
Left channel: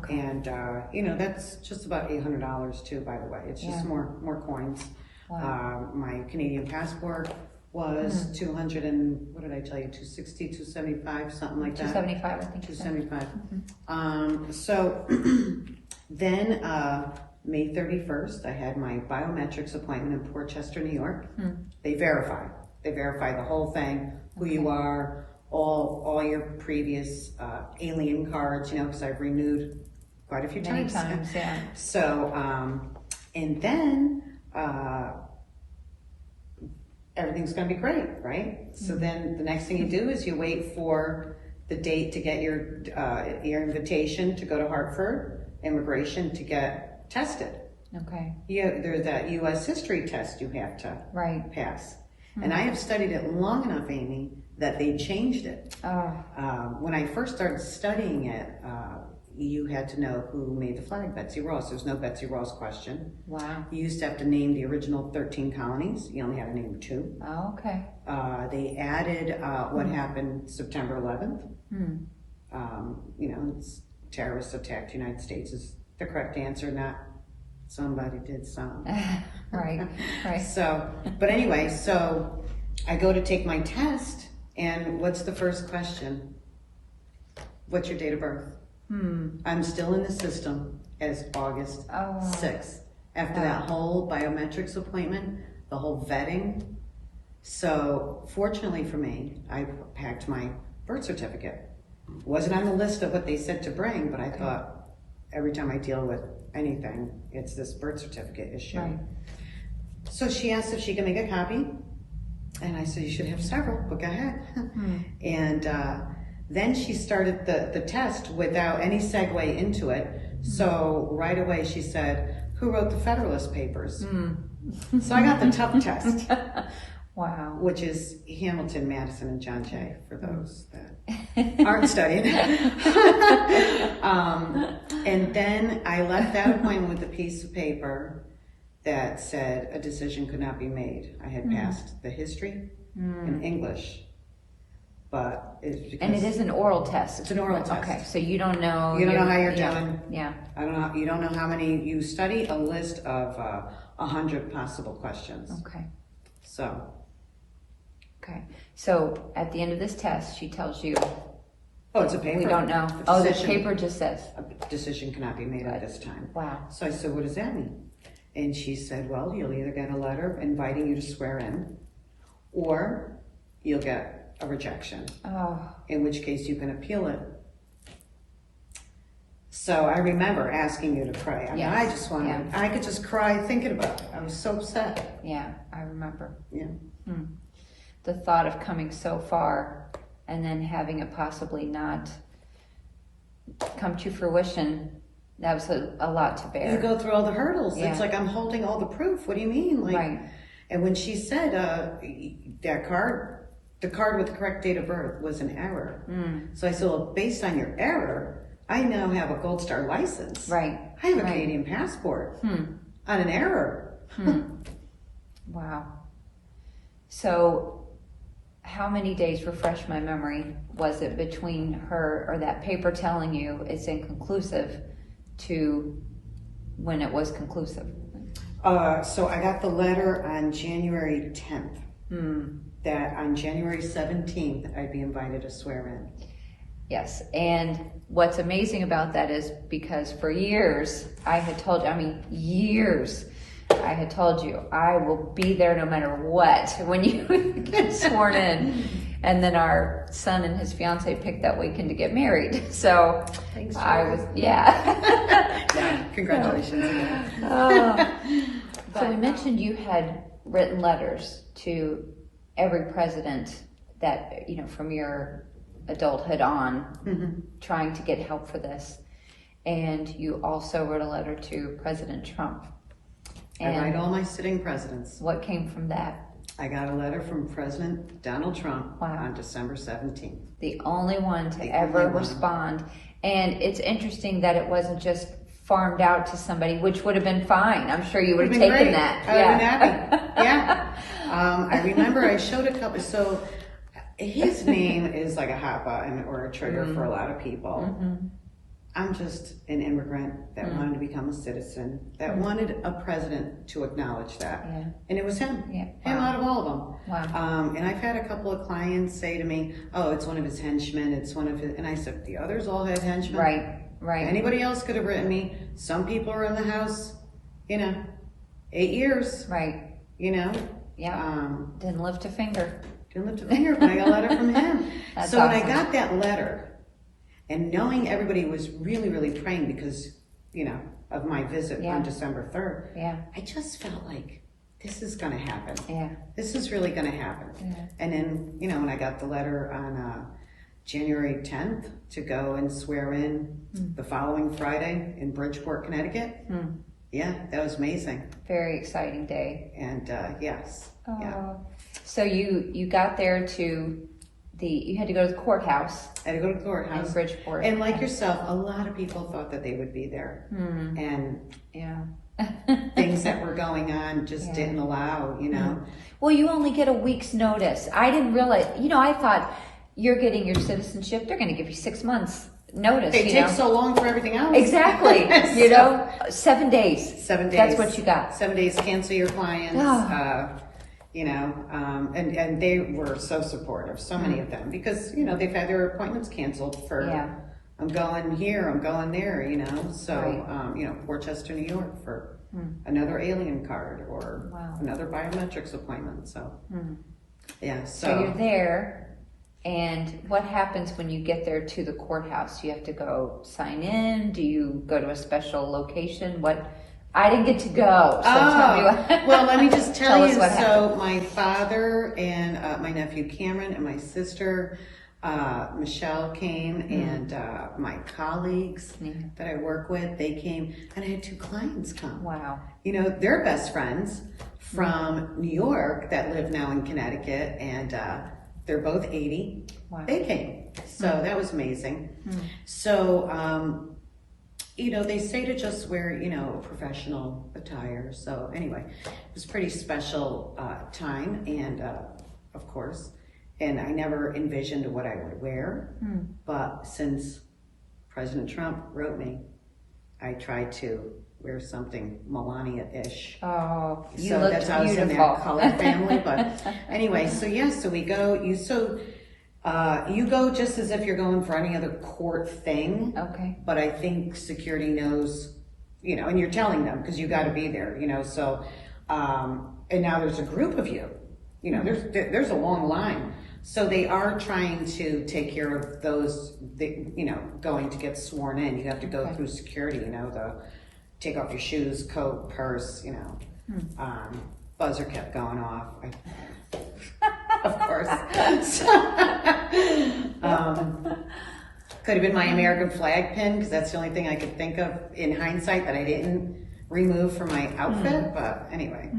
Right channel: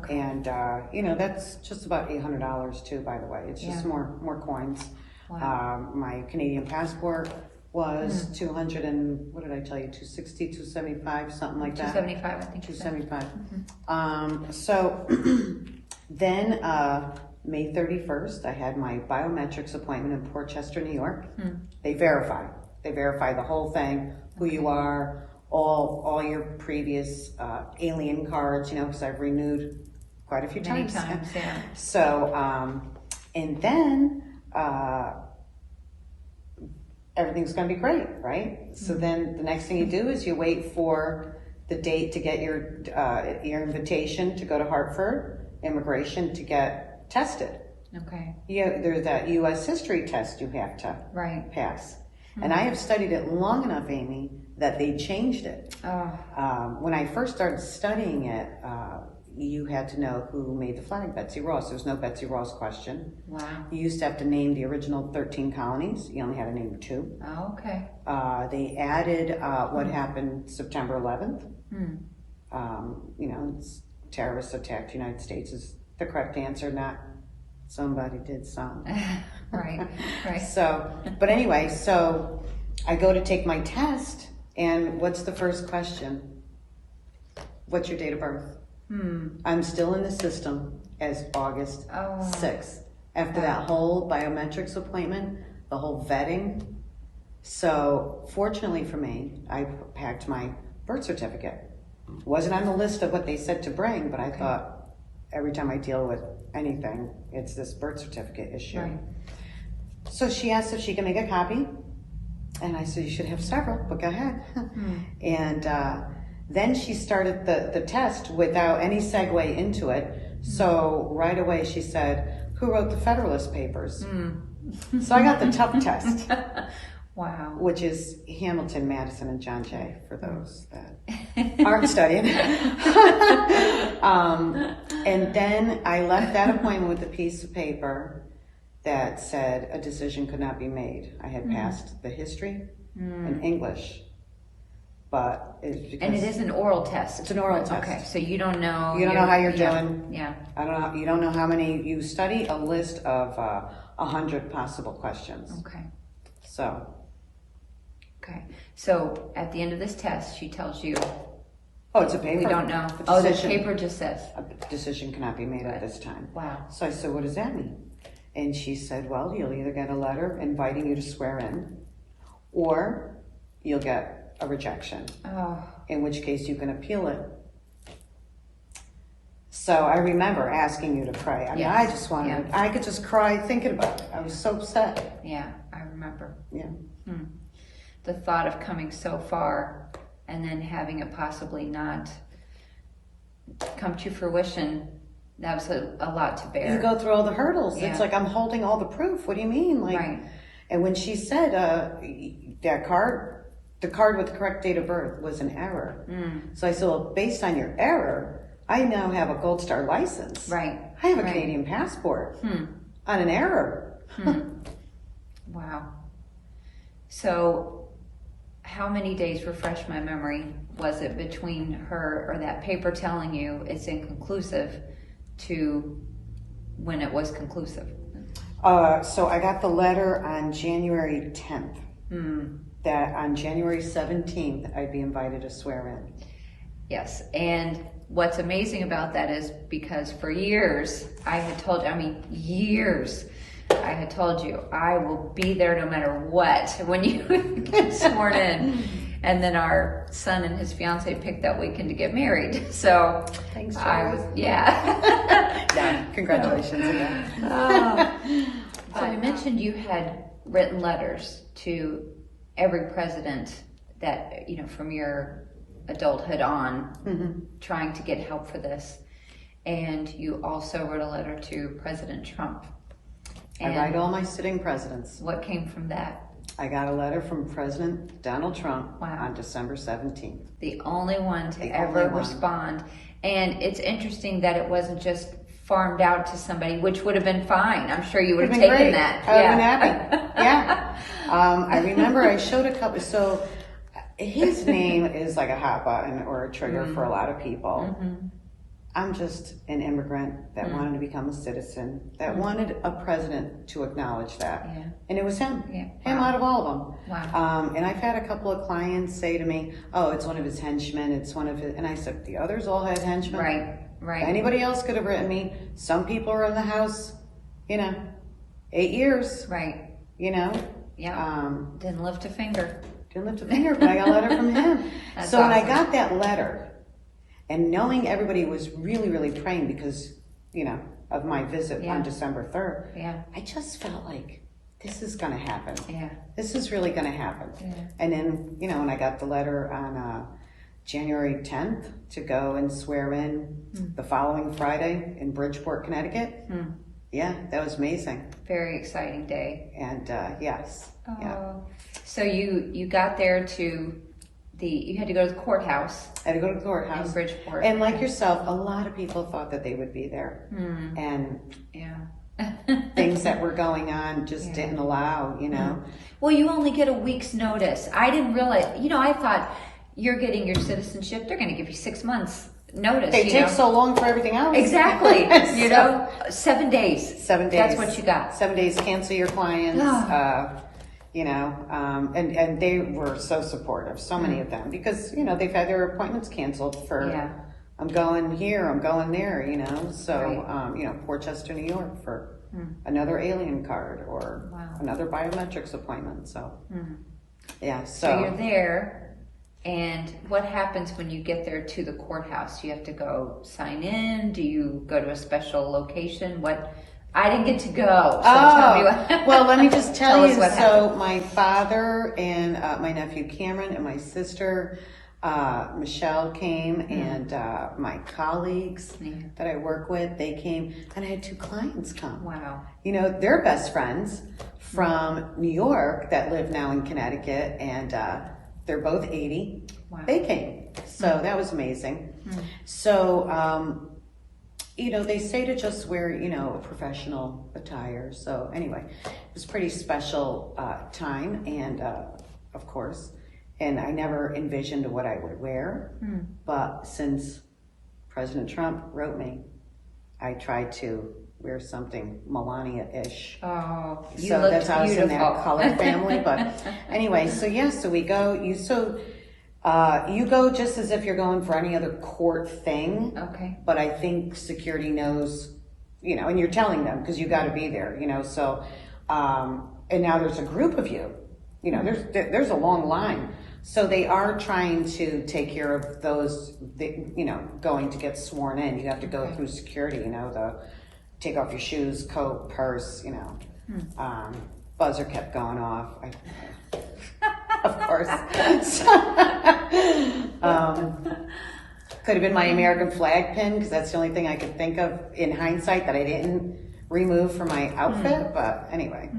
And you know, that's just about $800 too, by the way. It's just more coins. Wow. My Canadian passport was 200 and what did I tell you? 260, 275, something like that. 275, I think you said. 275. So then May 31st, I had my biometrics appointment in Port Chester, New York. They verify the whole thing, who you are, all your previous alien cards, you know, because I've renewed quite a few Many times. times, yeah. So, and then everything's going to be great, right? So then the next thing you do is you wait for the date to get your invitation to go to Hartford Immigration to get tested. Okay. Yeah, there's that U.S. history test you have to pass. And I have studied it long enough, Amy, that they changed it. When I first started studying it, you had to know who made the flag, Betsy Ross. There's no Betsy Ross question. Wow. You used to have to name the original 13 colonies. You only had to name 2. Oh, okay. They added what happened September 11th. You know, it's terrorists attacked the United States is the correct answer, not somebody did something. Right. So, but anyway, so I go to take my test, and what's the first question? What's your date of birth? I'm still in the system as August Oh. 6th. After Wow. that whole biometrics appointment, the whole vetting. So fortunately for me, I packed my birth certificate. It wasn't on the list of what they said to bring, but I thought every time I deal with anything, it's this birth certificate issue. Right. So she asked if she could make a copy, and I said, you should have several, but go ahead. And then she started the test without any segue into it. So right away she said, who wrote the Federalist Papers? So I got the tough test, Wow. which is Hamilton, Madison, and John Jay, for those that aren't studying. And then I left that appointment with a piece of paper that said a decision could not be made. I had passed the history and English, but it's because And it is an oral test. It's an oral test. Okay, so you don't know. You don't know how you're doing. Yeah. I don't know. You don't know how many you study. A list of 100 possible questions. Okay. So Okay. So at the end of this test, she tells you, oh, it's a paper. we don't know. A Oh, the decision. paper just says. A decision cannot be made at this time. Wow. So I said, what does that mean? And she said, well, you'll either get a letter inviting you to swear in, or you'll get a rejection, Oh. in which case you can appeal it. So I remember asking you to pray. I mean, Yes. I just wanted, I could just cry thinking about it. I was so upset. Yeah, I remember. Yeah. The thought of coming so far and then having it possibly not come to fruition, that was a lot to bear. You go through all the hurdles. Yeah. It's like I'm holding all the proof. What do you mean? Like, Right. And when she said that card, the card with the correct date of birth was an error. So I said, well, based on your error, I now have a Gold Star license. Right. I have a Right. Canadian passport on an error. Wow. So how many days, refresh my memory, was it between her or that paper telling you it's inconclusive to when it was conclusive? So I got the letter on January 10th. That on January 17th, I'd be invited to swear in. Yes, and what's amazing about that is because for years I had told you, I had told you, I will be there no matter what when you get sworn in. And then our son and his fiance picked that weekend to get married. So Thanks, I Sharon. was, yeah. Congratulations again. So we mentioned you had written letters to every president that, from your adulthood on, trying to get help for this. And you also wrote a letter to President Trump. I write all my sitting presidents. What came from that? I got a letter from President Donald Trump Wow. on December 17th. The only one to The ever only one. respond. And it's interesting that it wasn't just farmed out to somebody, which would have been fine. I'm sure you would have taken Great. that. I would have been happy. Yeah. I remember I showed a couple, so his name is like a hot button or a trigger for a lot of people. I'm just an immigrant that wanted to become a citizen, that wanted a president to acknowledge that. Yeah. And it was him. Yeah. Him Wow. out of all of them. Wow. And I've had a couple of clients say to me, oh, it's one of his henchmen, it's one of his, and I said, the others all had henchmen. Right. Anybody else could have written me. Some people are in the House, 8 years, Right. Yeah. Didn't lift a finger. Didn't lift a finger, but I got a letter from him. That's So when I awesome. got that letter, and knowing everybody was really, really praying because, of my visit Yeah. on December 3rd, Yeah. I just felt like this is going to happen. Yeah. This is really going to happen. Yeah. And then, when I got the letter on January 10th to go and swear in the following Friday in Bridgeport, Connecticut, yeah, that was amazing. Very exciting day. And yes, yeah. So you got there to you had to go to the courthouse I had to go to the in courthouse. Bridgeport. And like yourself, a lot of people thought that they would be there. And Yeah. things that were going on just didn't allow, Well, you only get a week's notice. I didn't realize, I thought you're getting your citizenship, they're going to give you 6 months notice. It takes so long for everything else. Exactly. 7 days. 7 days. That's what you got. 7 days, cancel your clients. And they were so supportive, so many of them, because, they've had their appointments canceled for I'm going here, I'm going there, you know, so, Right. you know, Portchester, New York for another alien card or Wow. another biometrics appointment, so. Yeah, So you're there, and what happens when you get there to the courthouse? Do you have to go sign in? Do you go to a special location? I didn't get to go, so tell me what. Well, let me just tell us you, what so happened. my father and my nephew Cameron and my sister Michelle came, and my colleagues that I work with, they came, and I had 2 clients come. Wow. You know, they're best friends from New York that live now in Connecticut, and they're both 80. Wow. They came, so that was amazing. So, you know, they say to just wear, you know, professional attire. So anyway, it was a pretty special time, and of course, and I never envisioned what I would wear, but since President Trump wrote me, I tried to wear something Melania-ish. Oh, you So look that's how I was in beautiful. that color family. But anyway, so yeah, so we go. You go just as if you're going for any other court thing. Okay. But I think security knows, you know, and you're telling them because you got to be there, you know. So, and now there's a group of you. You know, there's a long line. So they are trying to take care of those, you know, going to get sworn in. You have to go through security, you know, take off your shoes, coat, purse, you know. Buzzer kept going off. Of course. Could have been my American flag pin, because that's the only thing I could think of in hindsight that I didn't remove from my outfit. But anyway,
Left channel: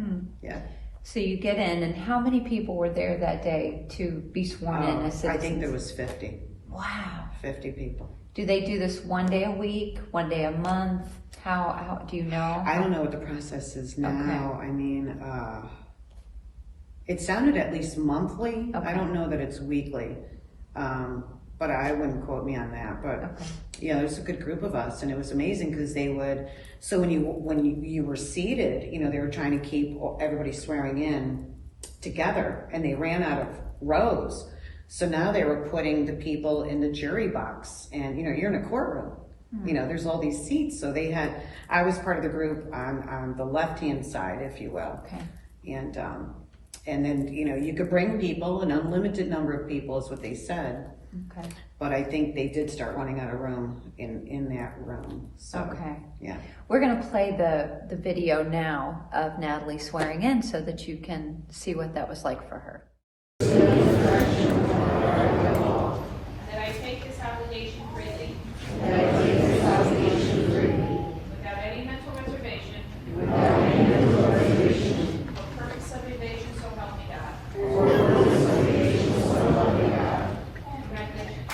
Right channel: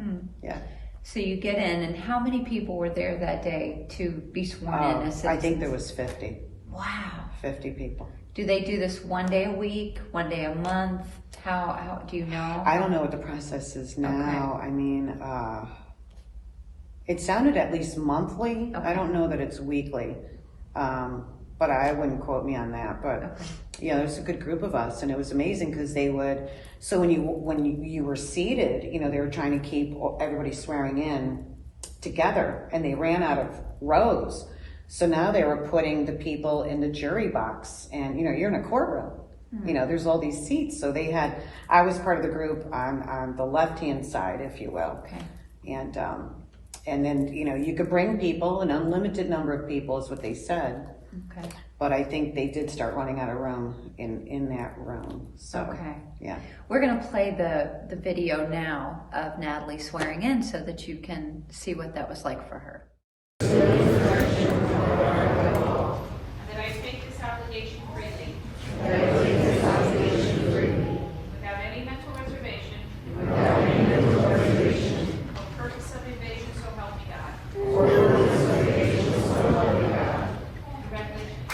yeah. So you get in, and how many people were there that day to be sworn in as citizens? I think there was 50. Wow. 50 people. Do they do this one day a week, one day a month? How do you know? I don't know what the process is now. Okay. I mean, it sounded at least monthly. Okay. I don't know that it's weekly, but I wouldn't quote me on that. But yeah, there was a good group of us, and it was amazing because they would. So when you were seated, you know, they were trying to keep everybody swearing in together, and they ran out of rows. So now they were putting the people in the jury box, and you know, you're in a courtroom. You know, there's all these seats. So I was part of the group on the left-hand side, if you will. Okay. And then, you know, you could bring people, an unlimited number of people is what they said. Okay. But I think they did start running out of room in that room. So, yeah. We're going to play the video now of Nathalie swearing in so that you can see what that was like for her. That I take this obligation freely. Without any mental reservation. Or purpose of evasion, so help me God. Congratulations.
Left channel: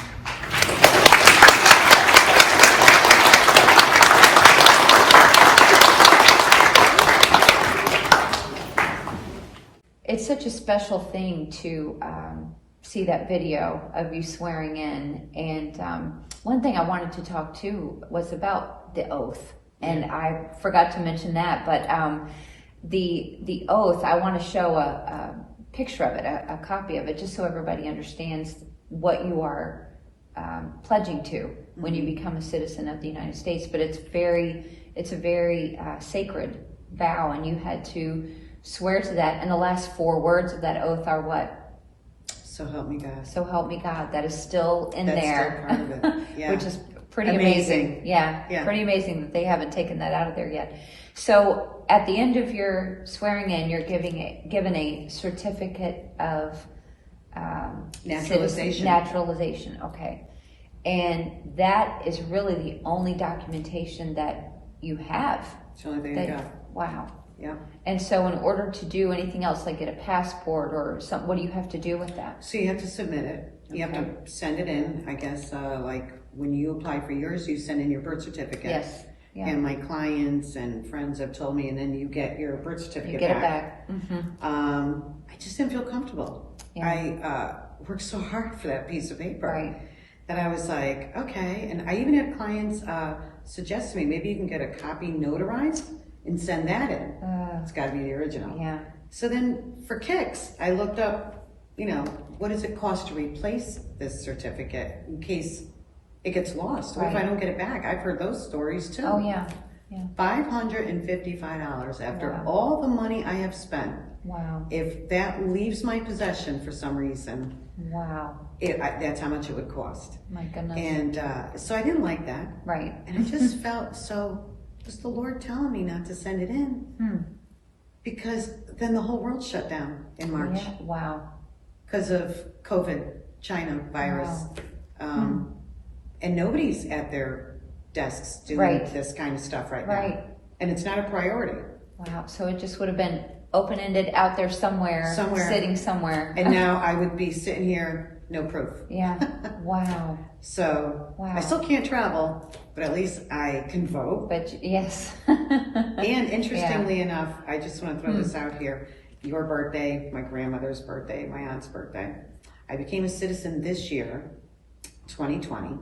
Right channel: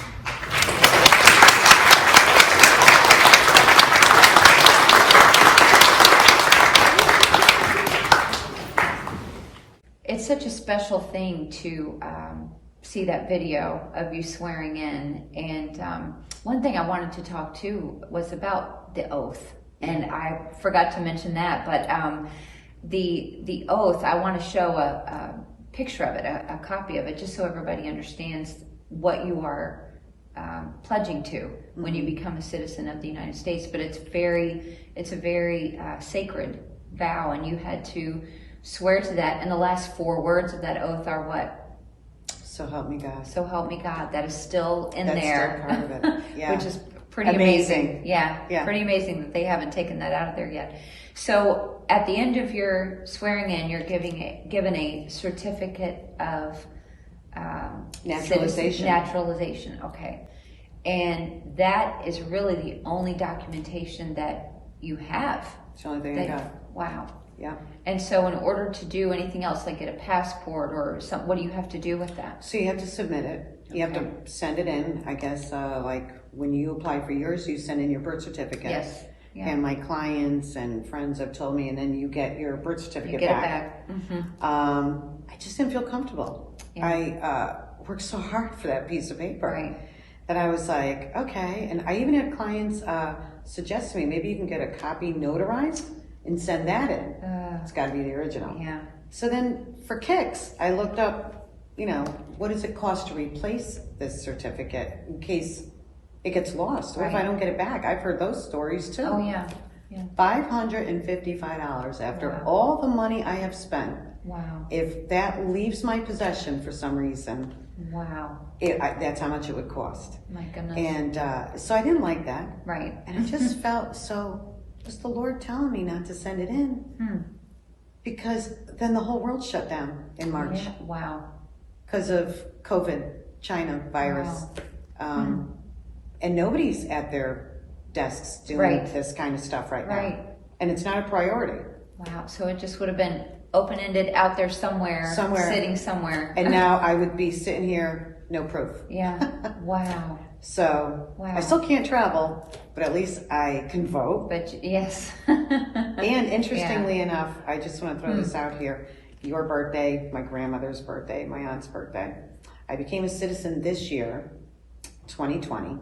It's such a special thing to see that video of you swearing in. And one thing I wanted to talk to was about the oath. And I forgot to mention that, but the oath, I want to show a picture of it, a copy of it, just so everybody understands what you are pledging to when you become a citizen of the United States. But it's a very sacred vow, and you had to swear to that. And the last 4 words of that oath are what? So help me God. So help me God. That is still in That's there. still part of it. Yeah. Which is pretty amazing. Yeah, pretty amazing that they haven't taken that out of there yet. So at the end of your swearing in, you're given a certificate of Naturalization. Naturalization, okay. And that is really the only documentation that you have. It's the only thing I got. Wow. Yeah. And so in order to do anything else, like get a passport or something, what do you have to do with that? So you have to submit it. You have to send it in. I guess like when you apply for yours, you send in your birth certificate. Yes. Yeah. And my clients and friends have told me, and then you get your birth certificate You get back. it back. Mm-hmm. I just didn't feel comfortable. Yeah. I worked so hard for that piece of paper. Right. And I was like, okay. And I even had clients suggest to me, maybe you can get a copy notarized and send that in. It's got to be the original. Yeah. So then for kicks, I looked up, you know, what does it cost to replace this certificate in case it gets lost. Or if I Right. don't get it back, I've heard those stories too. Oh, yeah. Yeah. $555 after Wow. all the money I have spent. Wow. If that leaves my possession for some reason, Wow. that's how much it would cost. My goodness. And so I didn't like that. Right. And I just felt so, just the Lord telling me not to send it in. Because then the whole world shut down in March Yeah. Wow. because of COVID, China virus. Wow. And nobody's at their desks doing Right. this kind of stuff right now. Right. And it's not a priority. Wow. So it just would have been open-ended out there somewhere, sitting somewhere. And now I would be sitting here, no proof. Yeah. Wow. So Wow. I still can't travel, but at least I can vote. But yes. And interestingly enough, I just want to throw this out here. Your birthday, my grandmother's birthday, my aunt's birthday. I became a citizen this year, 2020,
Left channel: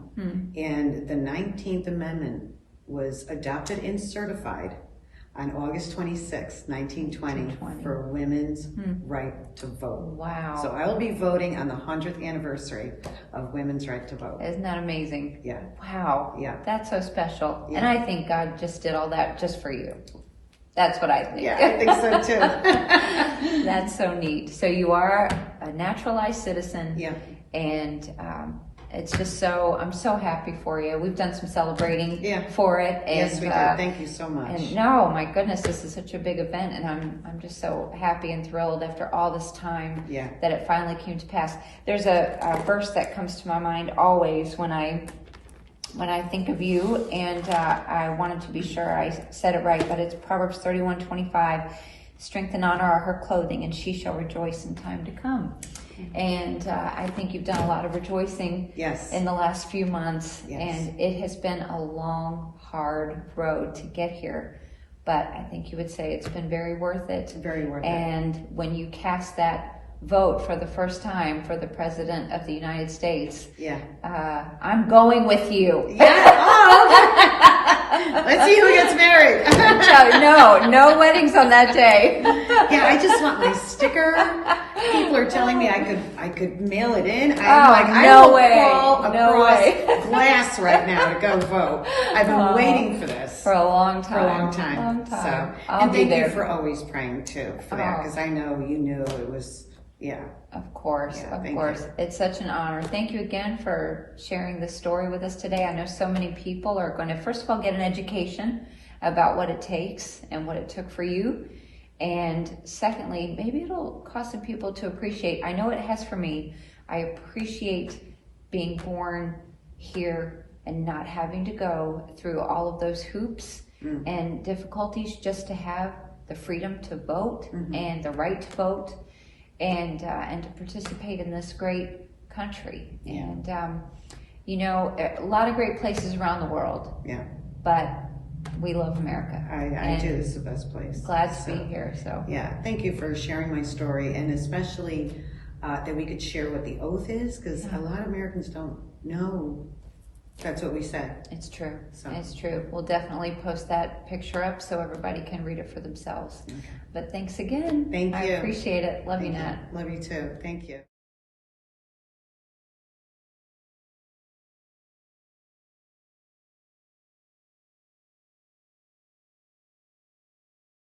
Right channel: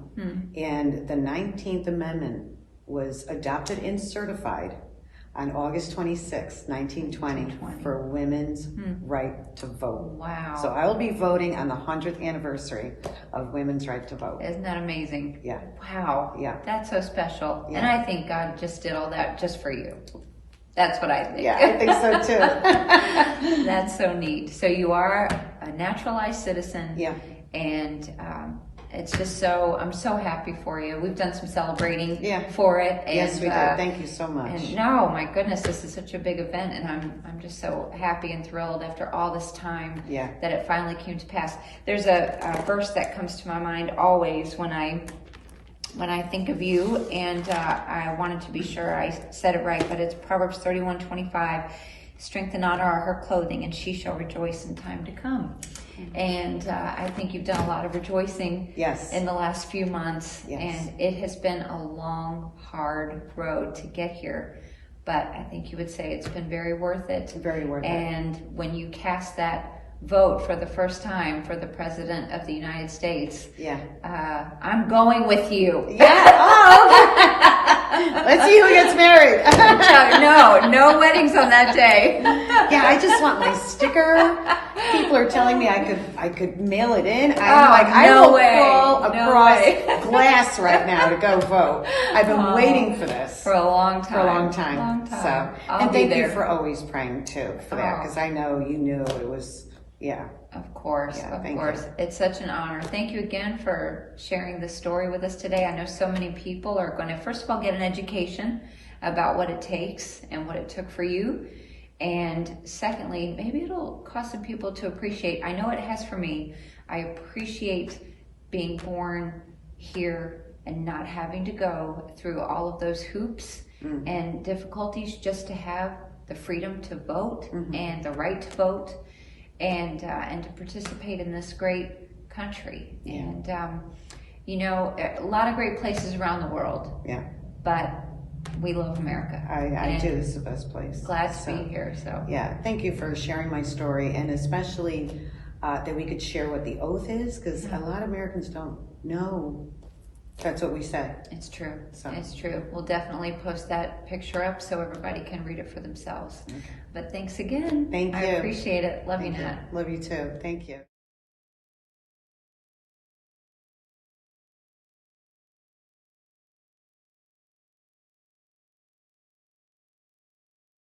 and the 19th Amendment was adopted and certified on August 26, 1920, for women's right to vote. Wow. So I will be voting on the 100th anniversary of women's right to vote. Isn't that amazing? Yeah. Wow. Yeah. That's so special. Yeah. And I think God just did all that just for you. That's what I think. Yeah, I think so too. That's so neat. So you are a naturalized citizen. Yeah. And it's just so, I'm so happy for you. We've done some celebrating Yeah. for it. And, Yes, we did. Thank you so much. And no, my goodness, this is such a big event, and I'm just so happy and thrilled after all this time Yeah. that it finally came to pass. There's a verse that comes to my mind always when I think of you, and I wanted to be sure I said it right, but it's Proverbs 31:25. Strength and honor are her clothing, and she shall rejoice in time to come. And I think you've done a lot of rejoicing Yes. in the last few months, Yes. and it has been a long, hard road to get here. But I think you would say it's been very worth it. Very worth it. And when you cast that vote for the first time for the President of the United States, Yeah. I'm going with you. Yeah. Oh, let's see who gets married. No weddings on that day. Yeah, I just want my sticker. People are telling me I could mail it in. I no will way. crawl No across way. glass right now to go vote. I've been waiting for this For a long time. for a long time. Long time. So, I'll and be thank there. you for always praying too for that, Oh. because I know you knew it was. Yeah. Of course, Yeah, of thank course. you. It's such an honor. Thank you again for sharing this story with us today. I know so many people are going to, first of all, get an education about what it takes and what it took for you. And secondly, maybe it'll cause some people to appreciate. I know it has for me. I appreciate being born here and not having to go through all of those hoops and difficulties just to have the freedom to vote and the right to vote. And to participate in this great country. Yeah. And, you know, a lot of great places around the world, Yeah. but we love America. I And do. This is the best place. Glad to So, be here, so. Yeah. Thank you for sharing my story, and especially that we could share what the oath is, because a lot of Americans don't know. That's what we said. It's true. So. It's true. We'll definitely post that picture up so everybody can read it for themselves. But thanks again. Thank I you. appreciate it. Love you, Thank you. Nat. Love you too. Thank you.